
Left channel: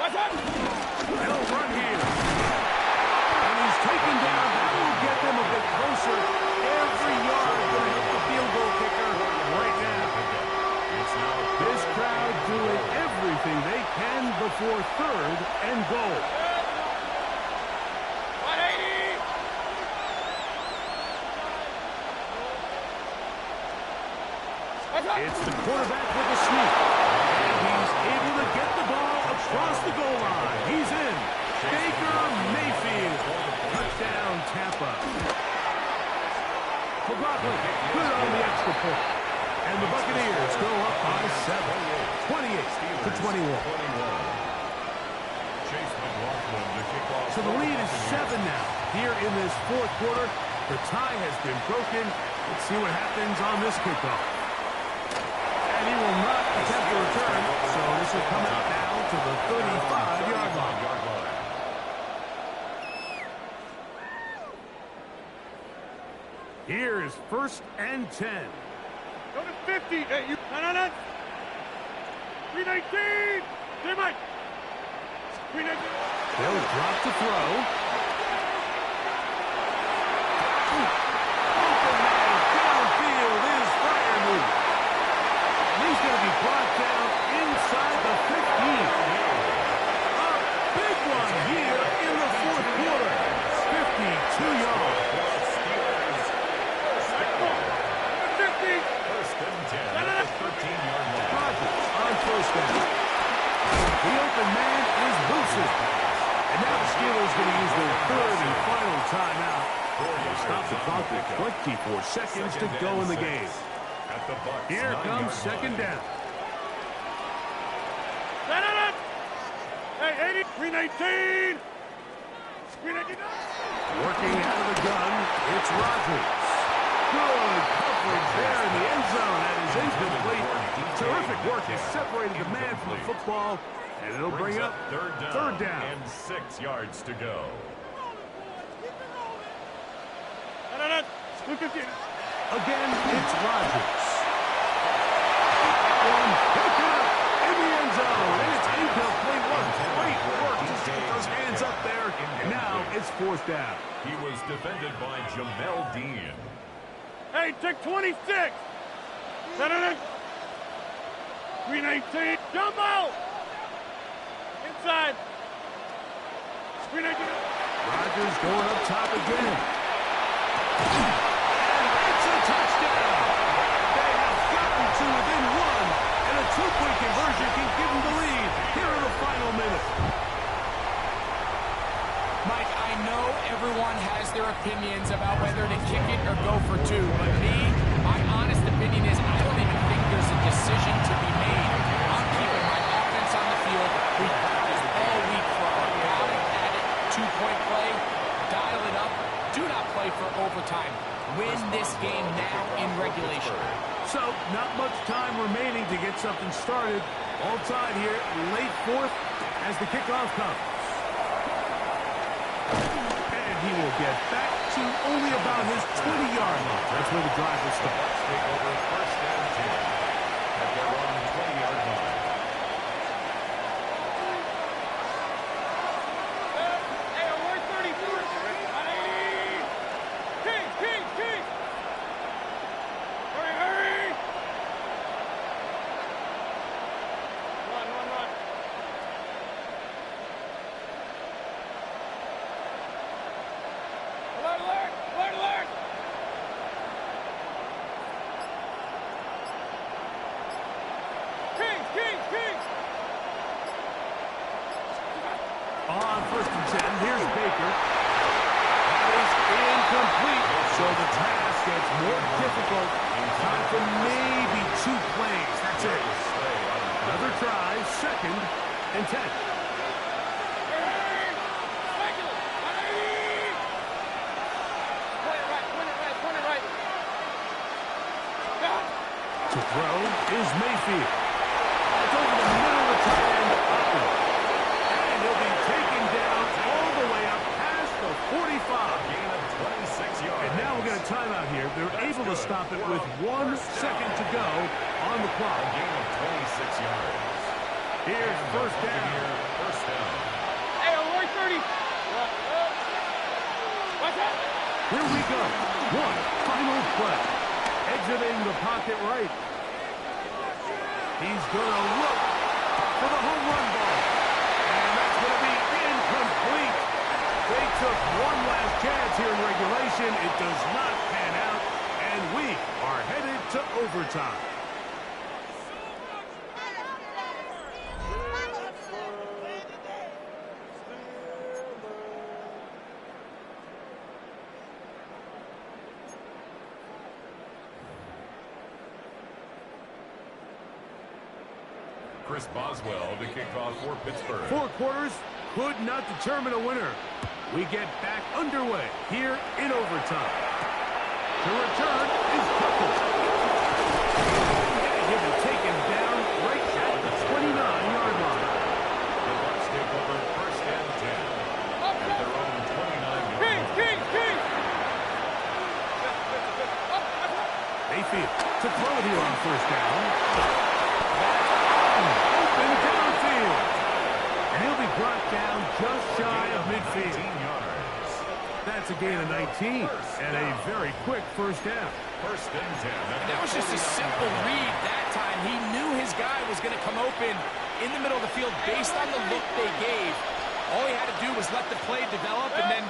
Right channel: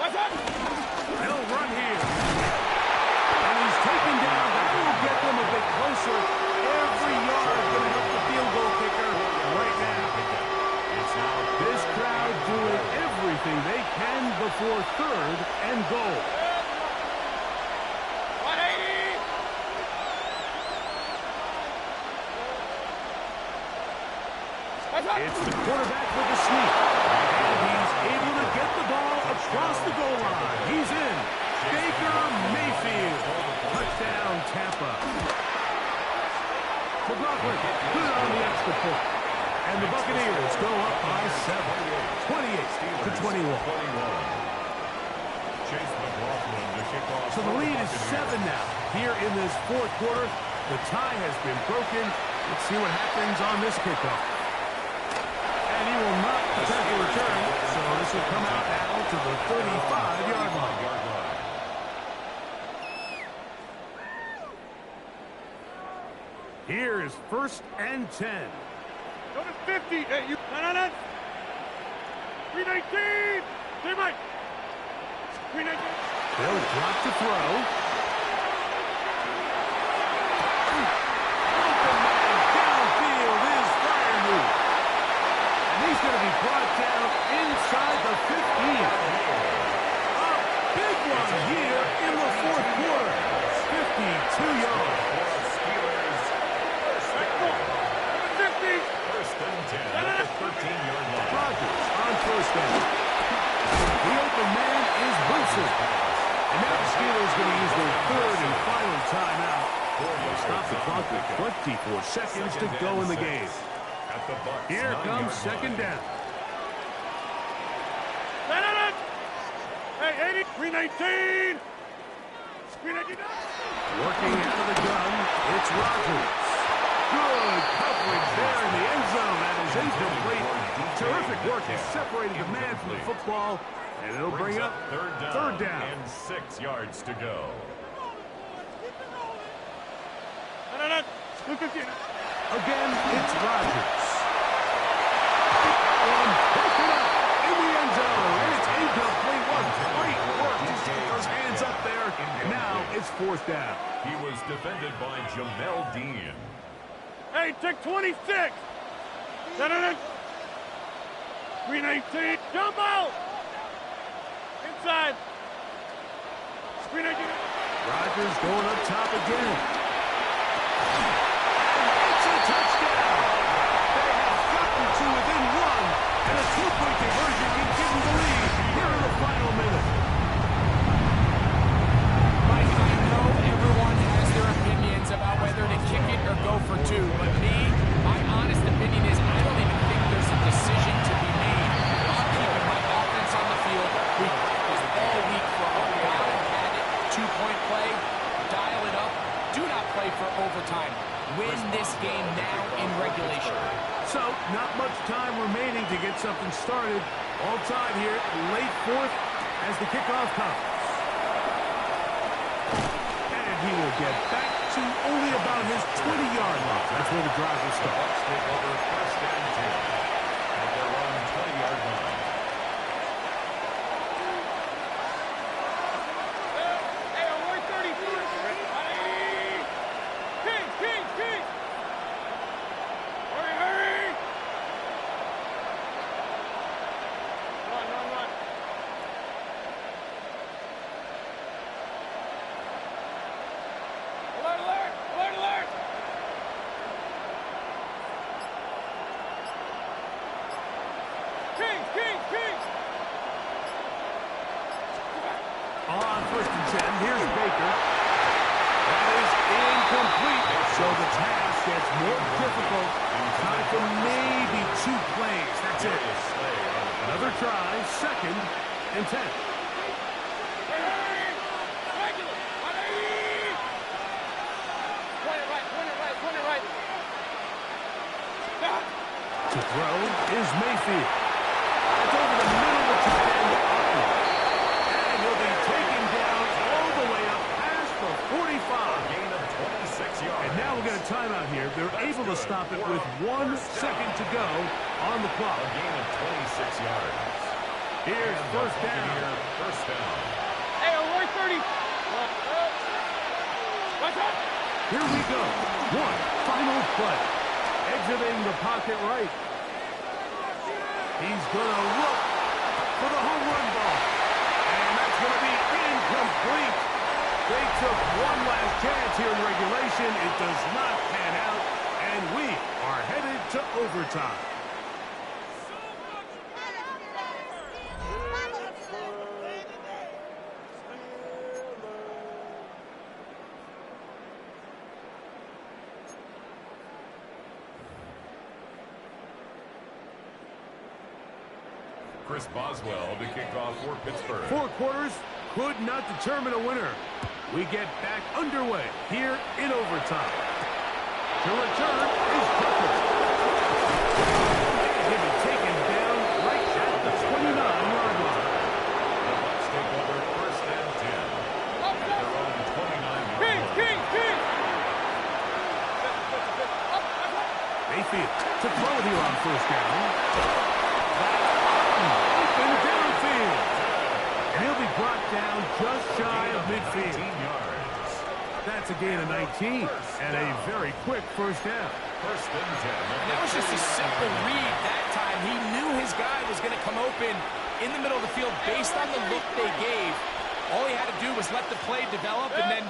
What's up? They'll run here. And he's taken down. That will get them a bit closer. Every yard going to help the field goal kicker right now. This crowd doing everything they can before 3rd and goal. 180! It's the quarterback with the sneak. And he's able to get the ball across the goal line. He's in. Baker Mayfield. Touchdown, Tampa. McLaughlin put it on the extra point. And the Buccaneers go up by 7. 28-21. Chase McLaughlin to kick off. So the lead is 7 now. Here in this 4th quarter, the tie has been broken. Let's see what happens on this kickoff. And he will not attempt a return, so this will come out now to the 35-yard line. Here is 1st and 10. Go to 50. Hey, you. No. 319. Stay Mike. 319. They'll drop to throw. Open man downfield is Freiermuth. And he's going to be brought down inside the 15. A big one here in the 4th quarter. 52 yards. First and 10 at the 13-yard line. Rodgers on 1st down. The open man is Wilson. And now the Steelers going to use their 3rd and final timeout. Stop the clock with 24 seconds to go in the game. Here comes second down. Hey, 80, 319. Working out of the gun, it's Rodgers. Good coverage there in the end zone. That is incomplete. Terrific work. He separated the man from the football, and it'll bring up third down. And 6 yards to go. Again, it's Rodgers. One, pick it up in the end zone, and it's incomplete. What great work to get those hands up there, and now it's fourth down. He was defended by Jamel Dean. Hey, take 26. 319. Jump out. Inside. 319. Rodgers going up top again. And it's a touchdown. They have gotten to within one, and a two-point conversion can give them the lead here in the final minute. Mike, I know everyone has their opinions about whether to kick it or go for two, but my honest opinion is I don't even think there's a decision to be made. I'm keeping my offense on the field. We practiced all week for our gotta-have-it two-point play. Dial it up. Do not play for overtime. Win this game now in regulation. So, not much time remaining to get something started. All tied here, late fourth, as the kickoff comes. And he will get back to only about his 20-yard line. That's where the drive will start. Bucks take over first and 10 at their own 20-yard line. Hey, we're 31st. 180. King. Hurry. Run. Alert. King. On first and 10, here's Baker. That is incomplete. So the task gets more difficult. Time for maybe 2 plays. That's it. Another try, second and 10. Point it right. To throw is Mayfield. It's over the middle of the tight end, Otten. And he'll be taken down all the way up past the 45. A gain of 26 yards. And now we'll get a timeout here. They're able to stop it with 1 second to go on the clock. A gain of 26 yards. Here's first down. First down. Hey, we're 30. Watch out. Here we go. One final play. Exiting the pocket right. He's going to look for the home run ball. And that's going to be incomplete. They took one last chance here in regulation. It does not pan out. And we are headed to overtime. Chris Boswell to kick off for Pittsburgh. 4 quarters could not determine a winner. We get back underway here in overtime. To return is Tucker. And he'll be taken down right at the 29-yard line. The Bucks take over first and 10 at their own 29-yard line. King. Mayfield to throw it here on first down. Open downfield. And he'll be brought down just shy of midfield. 19 yards. That's a gain of 19 and a very quick first down. First and 10. And that was just a simple read that time. He knew his guy was going to come open in the middle of the field based on the look they gave. All he had to do was let the play develop and then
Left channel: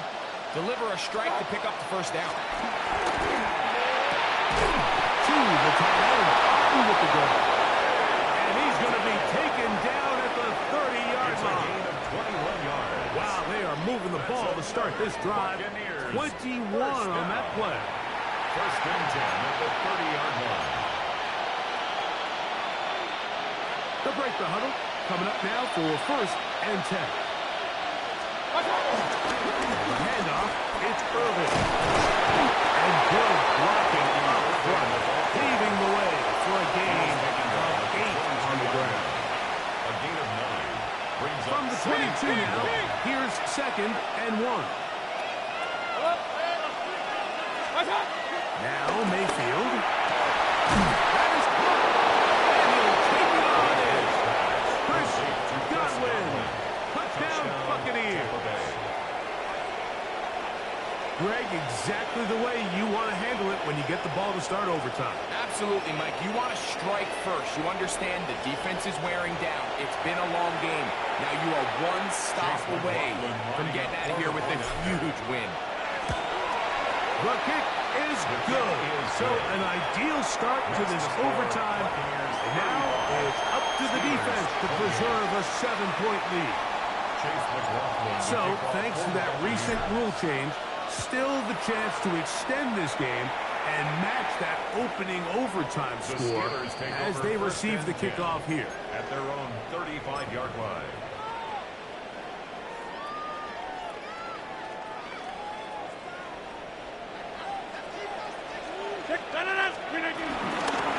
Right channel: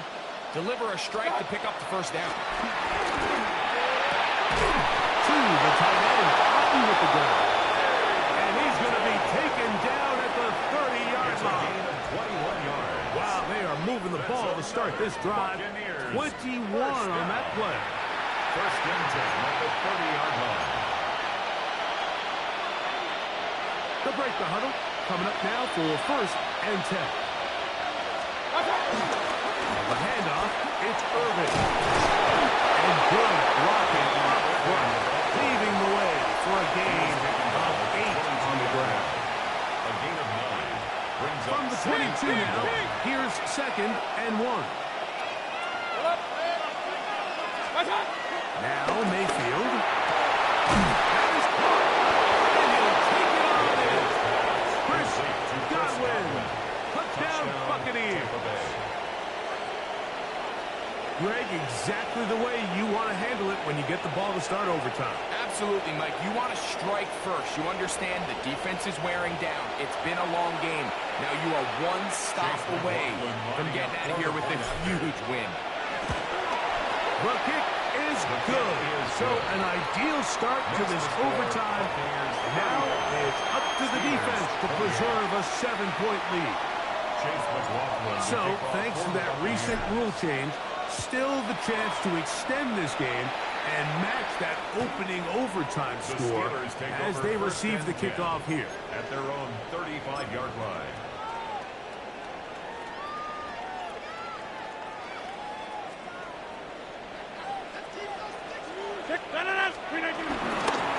deliver a strike to pick up the first down. To the tight end, Otten with the goal. And he's is going to be taken down at the 30-yard It's a line. gain of 21 yards. Wow, they are moving the ball to start this drive. 21 on that play. First and 10 at the 30-yard line. The break the huddle. Coming up now for first and 10. The handoff, it's Irving. And good blocking up front, paving the way for a gain of 8 on the ground. A gain of 9 brings up From the 22 now, here's second and 1. Now Mayfield. That is caught. And he'll take it on in. Chris Godwin. Touchdown Buccaneers. Greg, exactly the way you want to handle it when you get the ball to start overtime. Absolutely, Mike. You want to strike first. You understand the defense is wearing down. It's been a long game. Now you are one stop away from getting out of here with a huge win. The kick is good. So an ideal start to this overtime. And now it's up to the defense to preserve a 7-point lead. So thanks to that recent rule change, still the chance to extend this game and match that opening overtime score as they receive the kickoff here. At their own 35-yard line.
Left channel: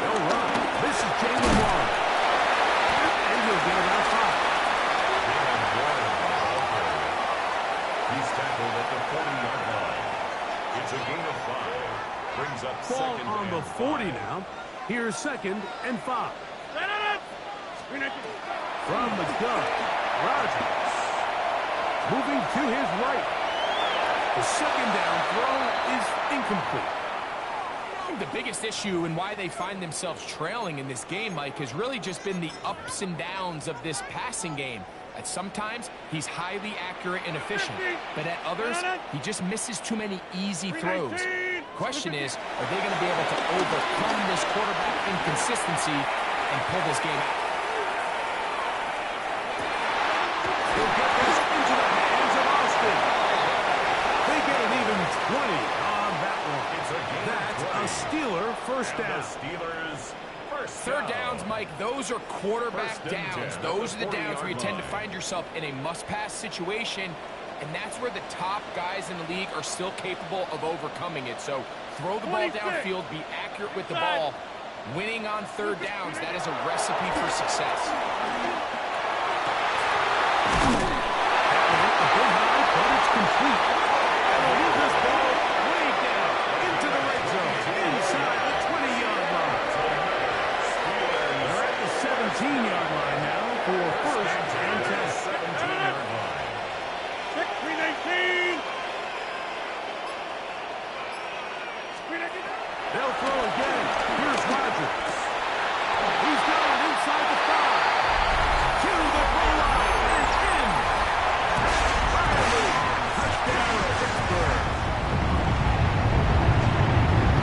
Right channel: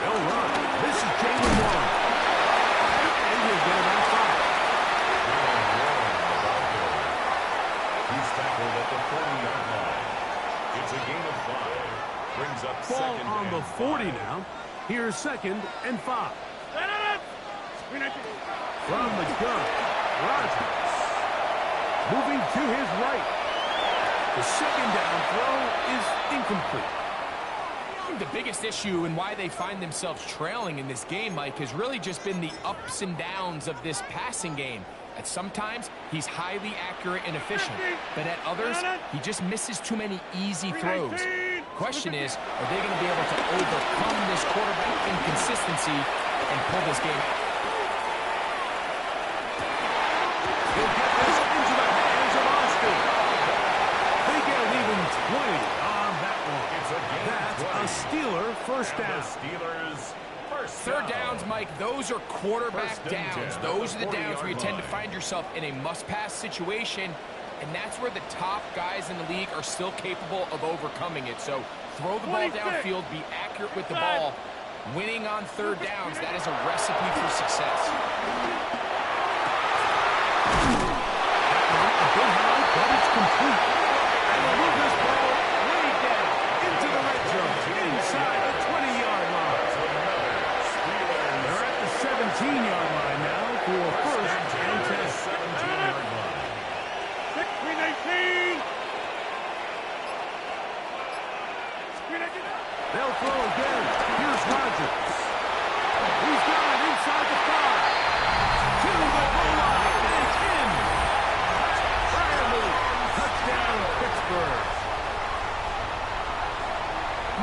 They'll run. This is Jalen Warren. And he'll get about 5. Jalen Warren on the ball carrier. He's tackled at the 40-yard line. It's a gain of 5. Brings up Ball second on and the 40 5. now. Here's second and 5. From the gun, Rodgers. Moving to his right. The second down throw is incomplete. I think the biggest issue and why they find themselves trailing in this game, Mike, has really just been the ups and downs of this passing game. At sometimes, he's highly accurate and efficient, but at others, he just misses too many easy throws. Question is, are they going to be able to overcome this quarterback inconsistency and pull this game out? He'll get this into the hands of Austin. They get an even 20 on that one. It's a gain That's of 20. a Steeler first And down. the Steelers first Third down. downs, Mike, those are quarterback First and downs. 10 Those are at the the downs where you 40-yard tend to line. find yourself in a must-pass situation, and that's where the top guys in the league are still capable of overcoming it. So throw the ball downfield, be accurate with the ball. Winning on third downs, that is a recipe for success. A bit high, but it's complete. And they'll move this ball way down into the red zone, inside the 20-yard line. They're at the 17-yard line now for first and 10. 17-yard line. 18. They'll throw again. Here's Rodgers. He's got it inside the 5. To the goal line. And it's in. Bradley. Touchdown, Pittsburgh.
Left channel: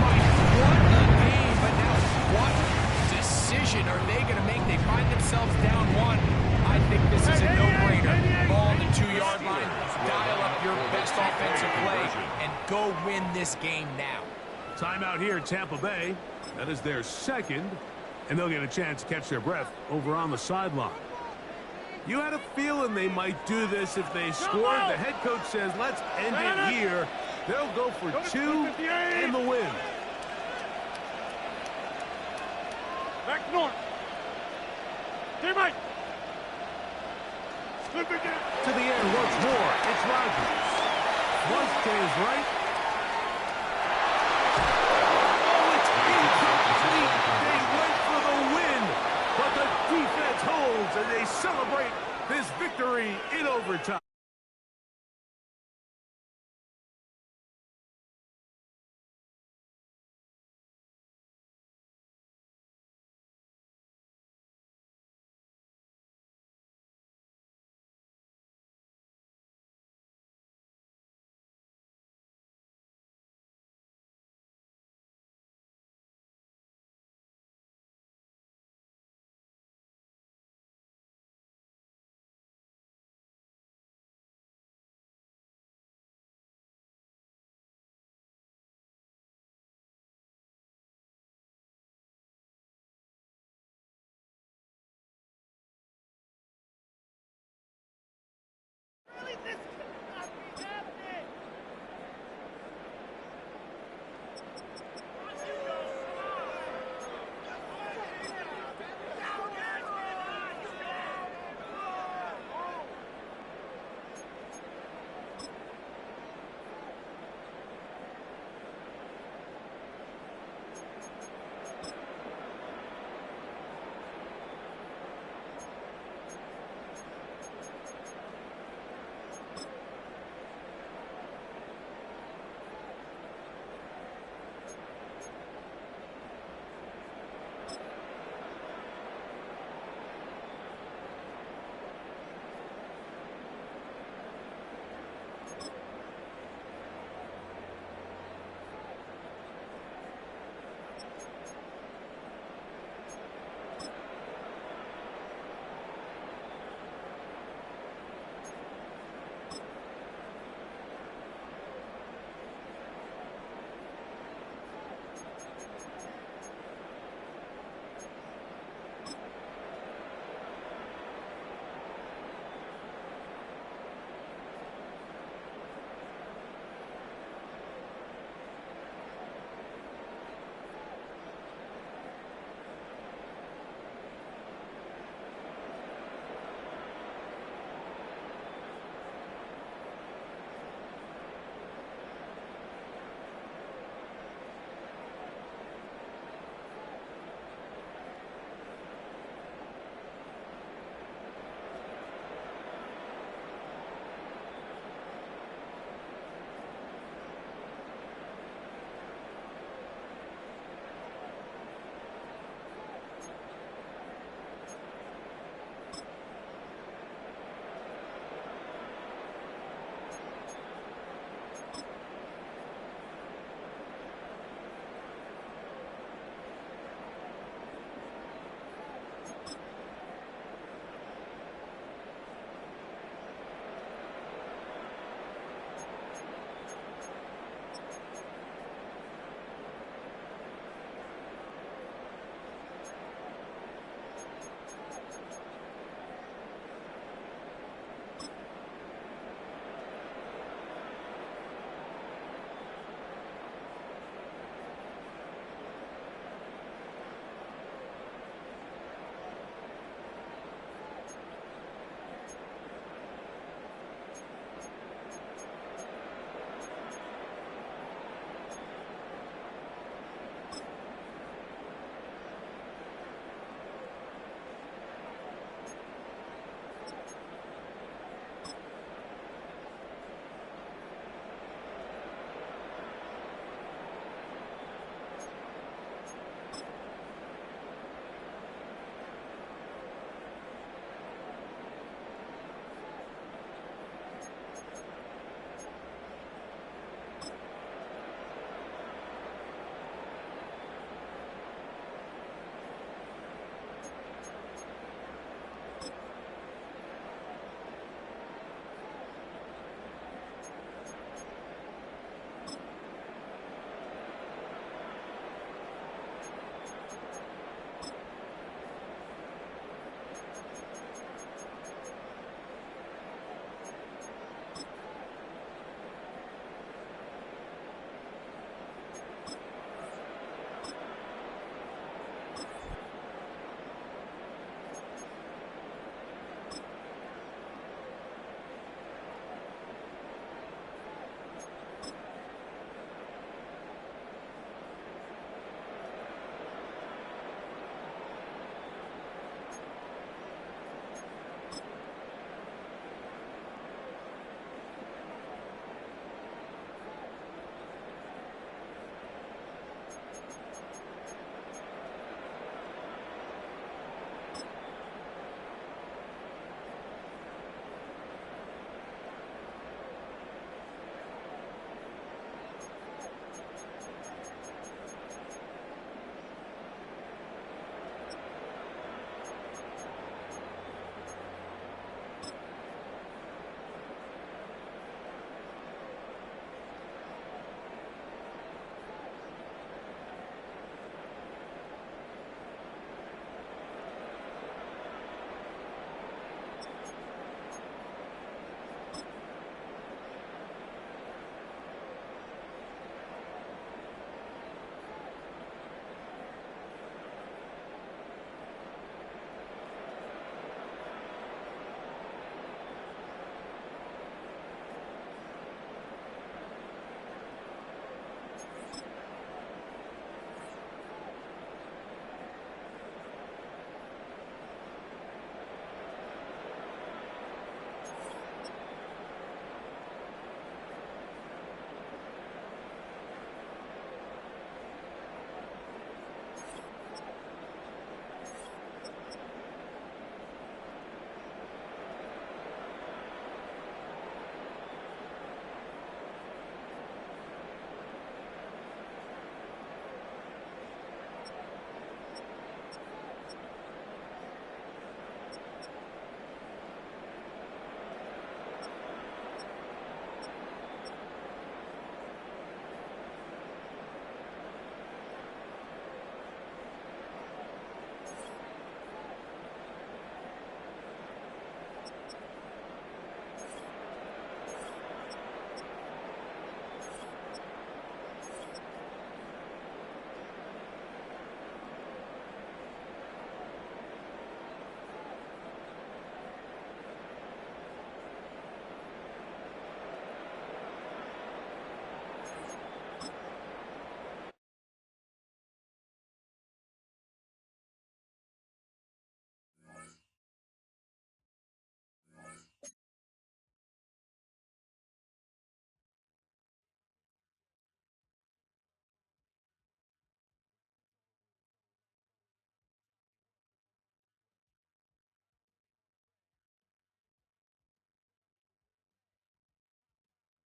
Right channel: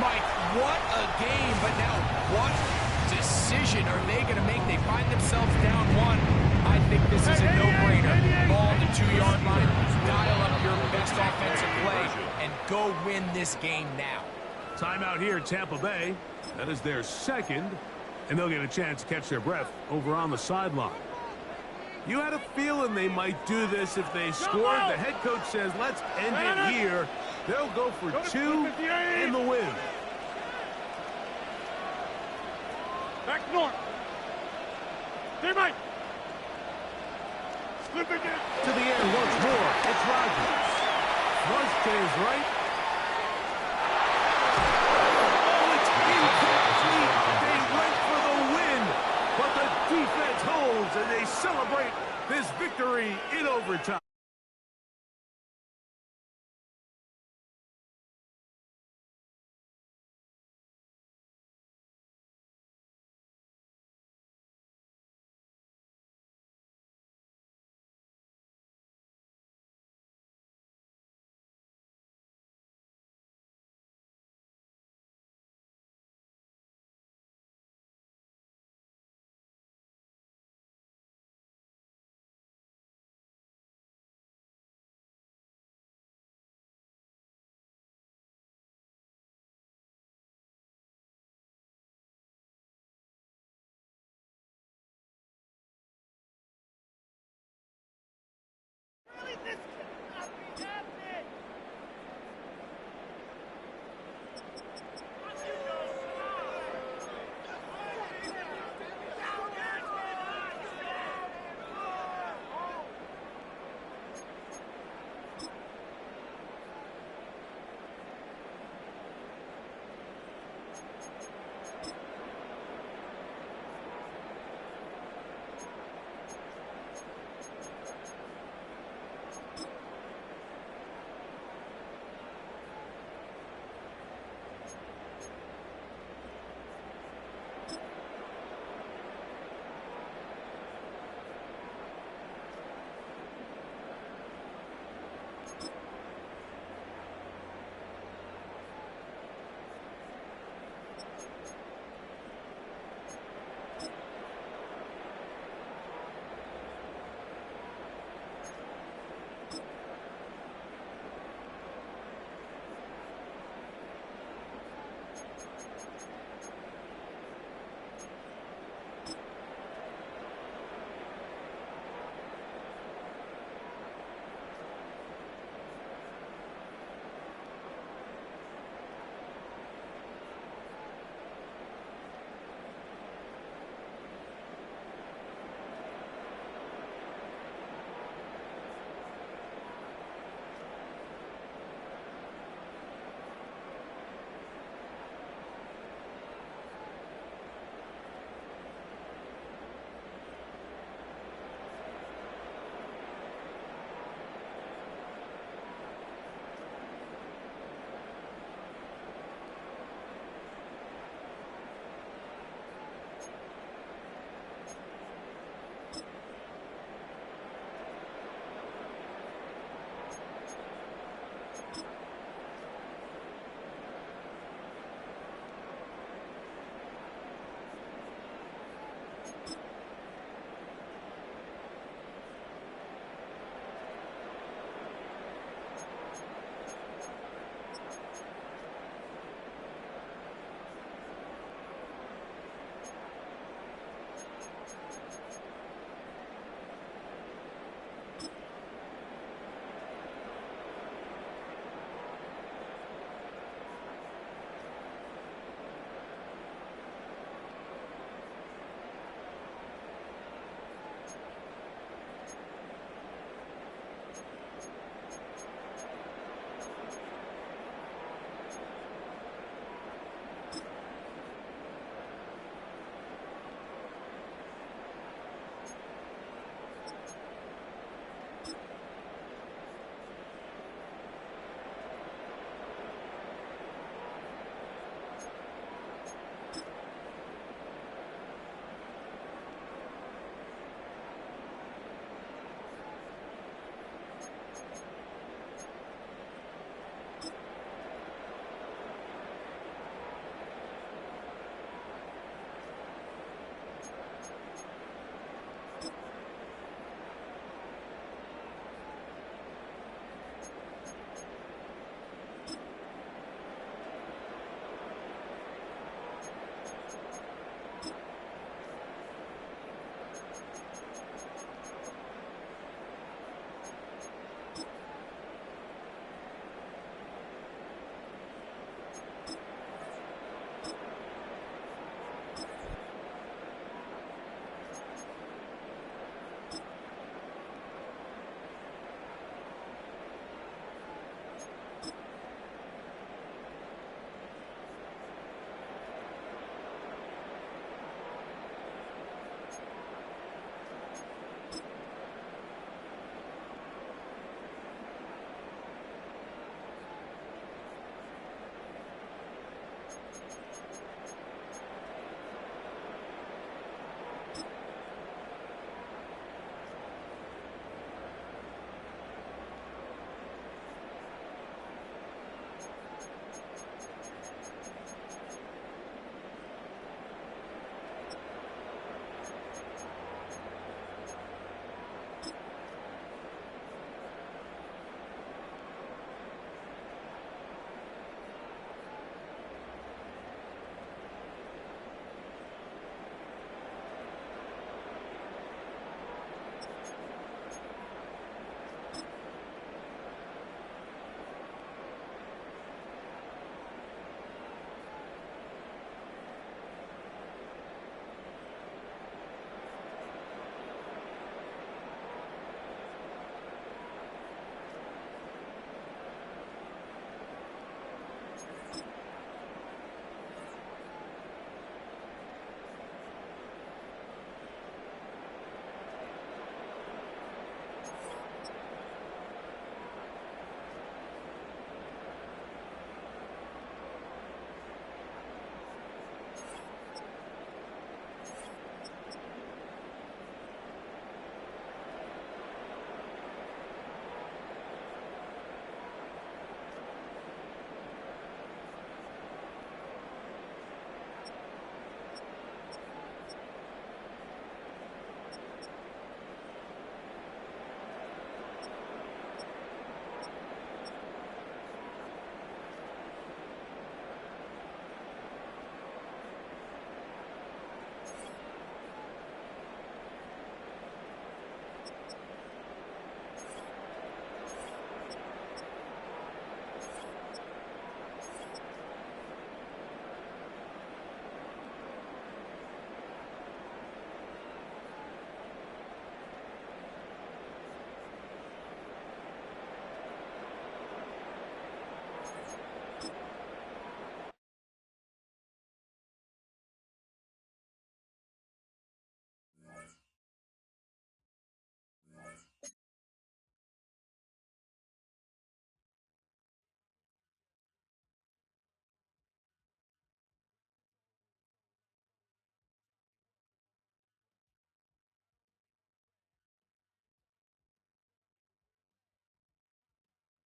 Mike, what a game, but now what decision are they going to make? They find themselves down 1. I think this is a no-brainer. Ball on the 2-yard line, dial up your best offensive play, and go win this game now. Timeout here at Tampa Bay. That is their second, and they'll get a chance to catch their breath over on the sideline. You had a feeling they might do this if they scored. The head coach says, let's end it here. They'll go for 2 and the win. Back north. Teammate. Slip it in. To the air once more. It's Rodgers. Flush to his right. Oh, it's incomplete. They went for the win, but the defense holds and they celebrate this victory in overtime.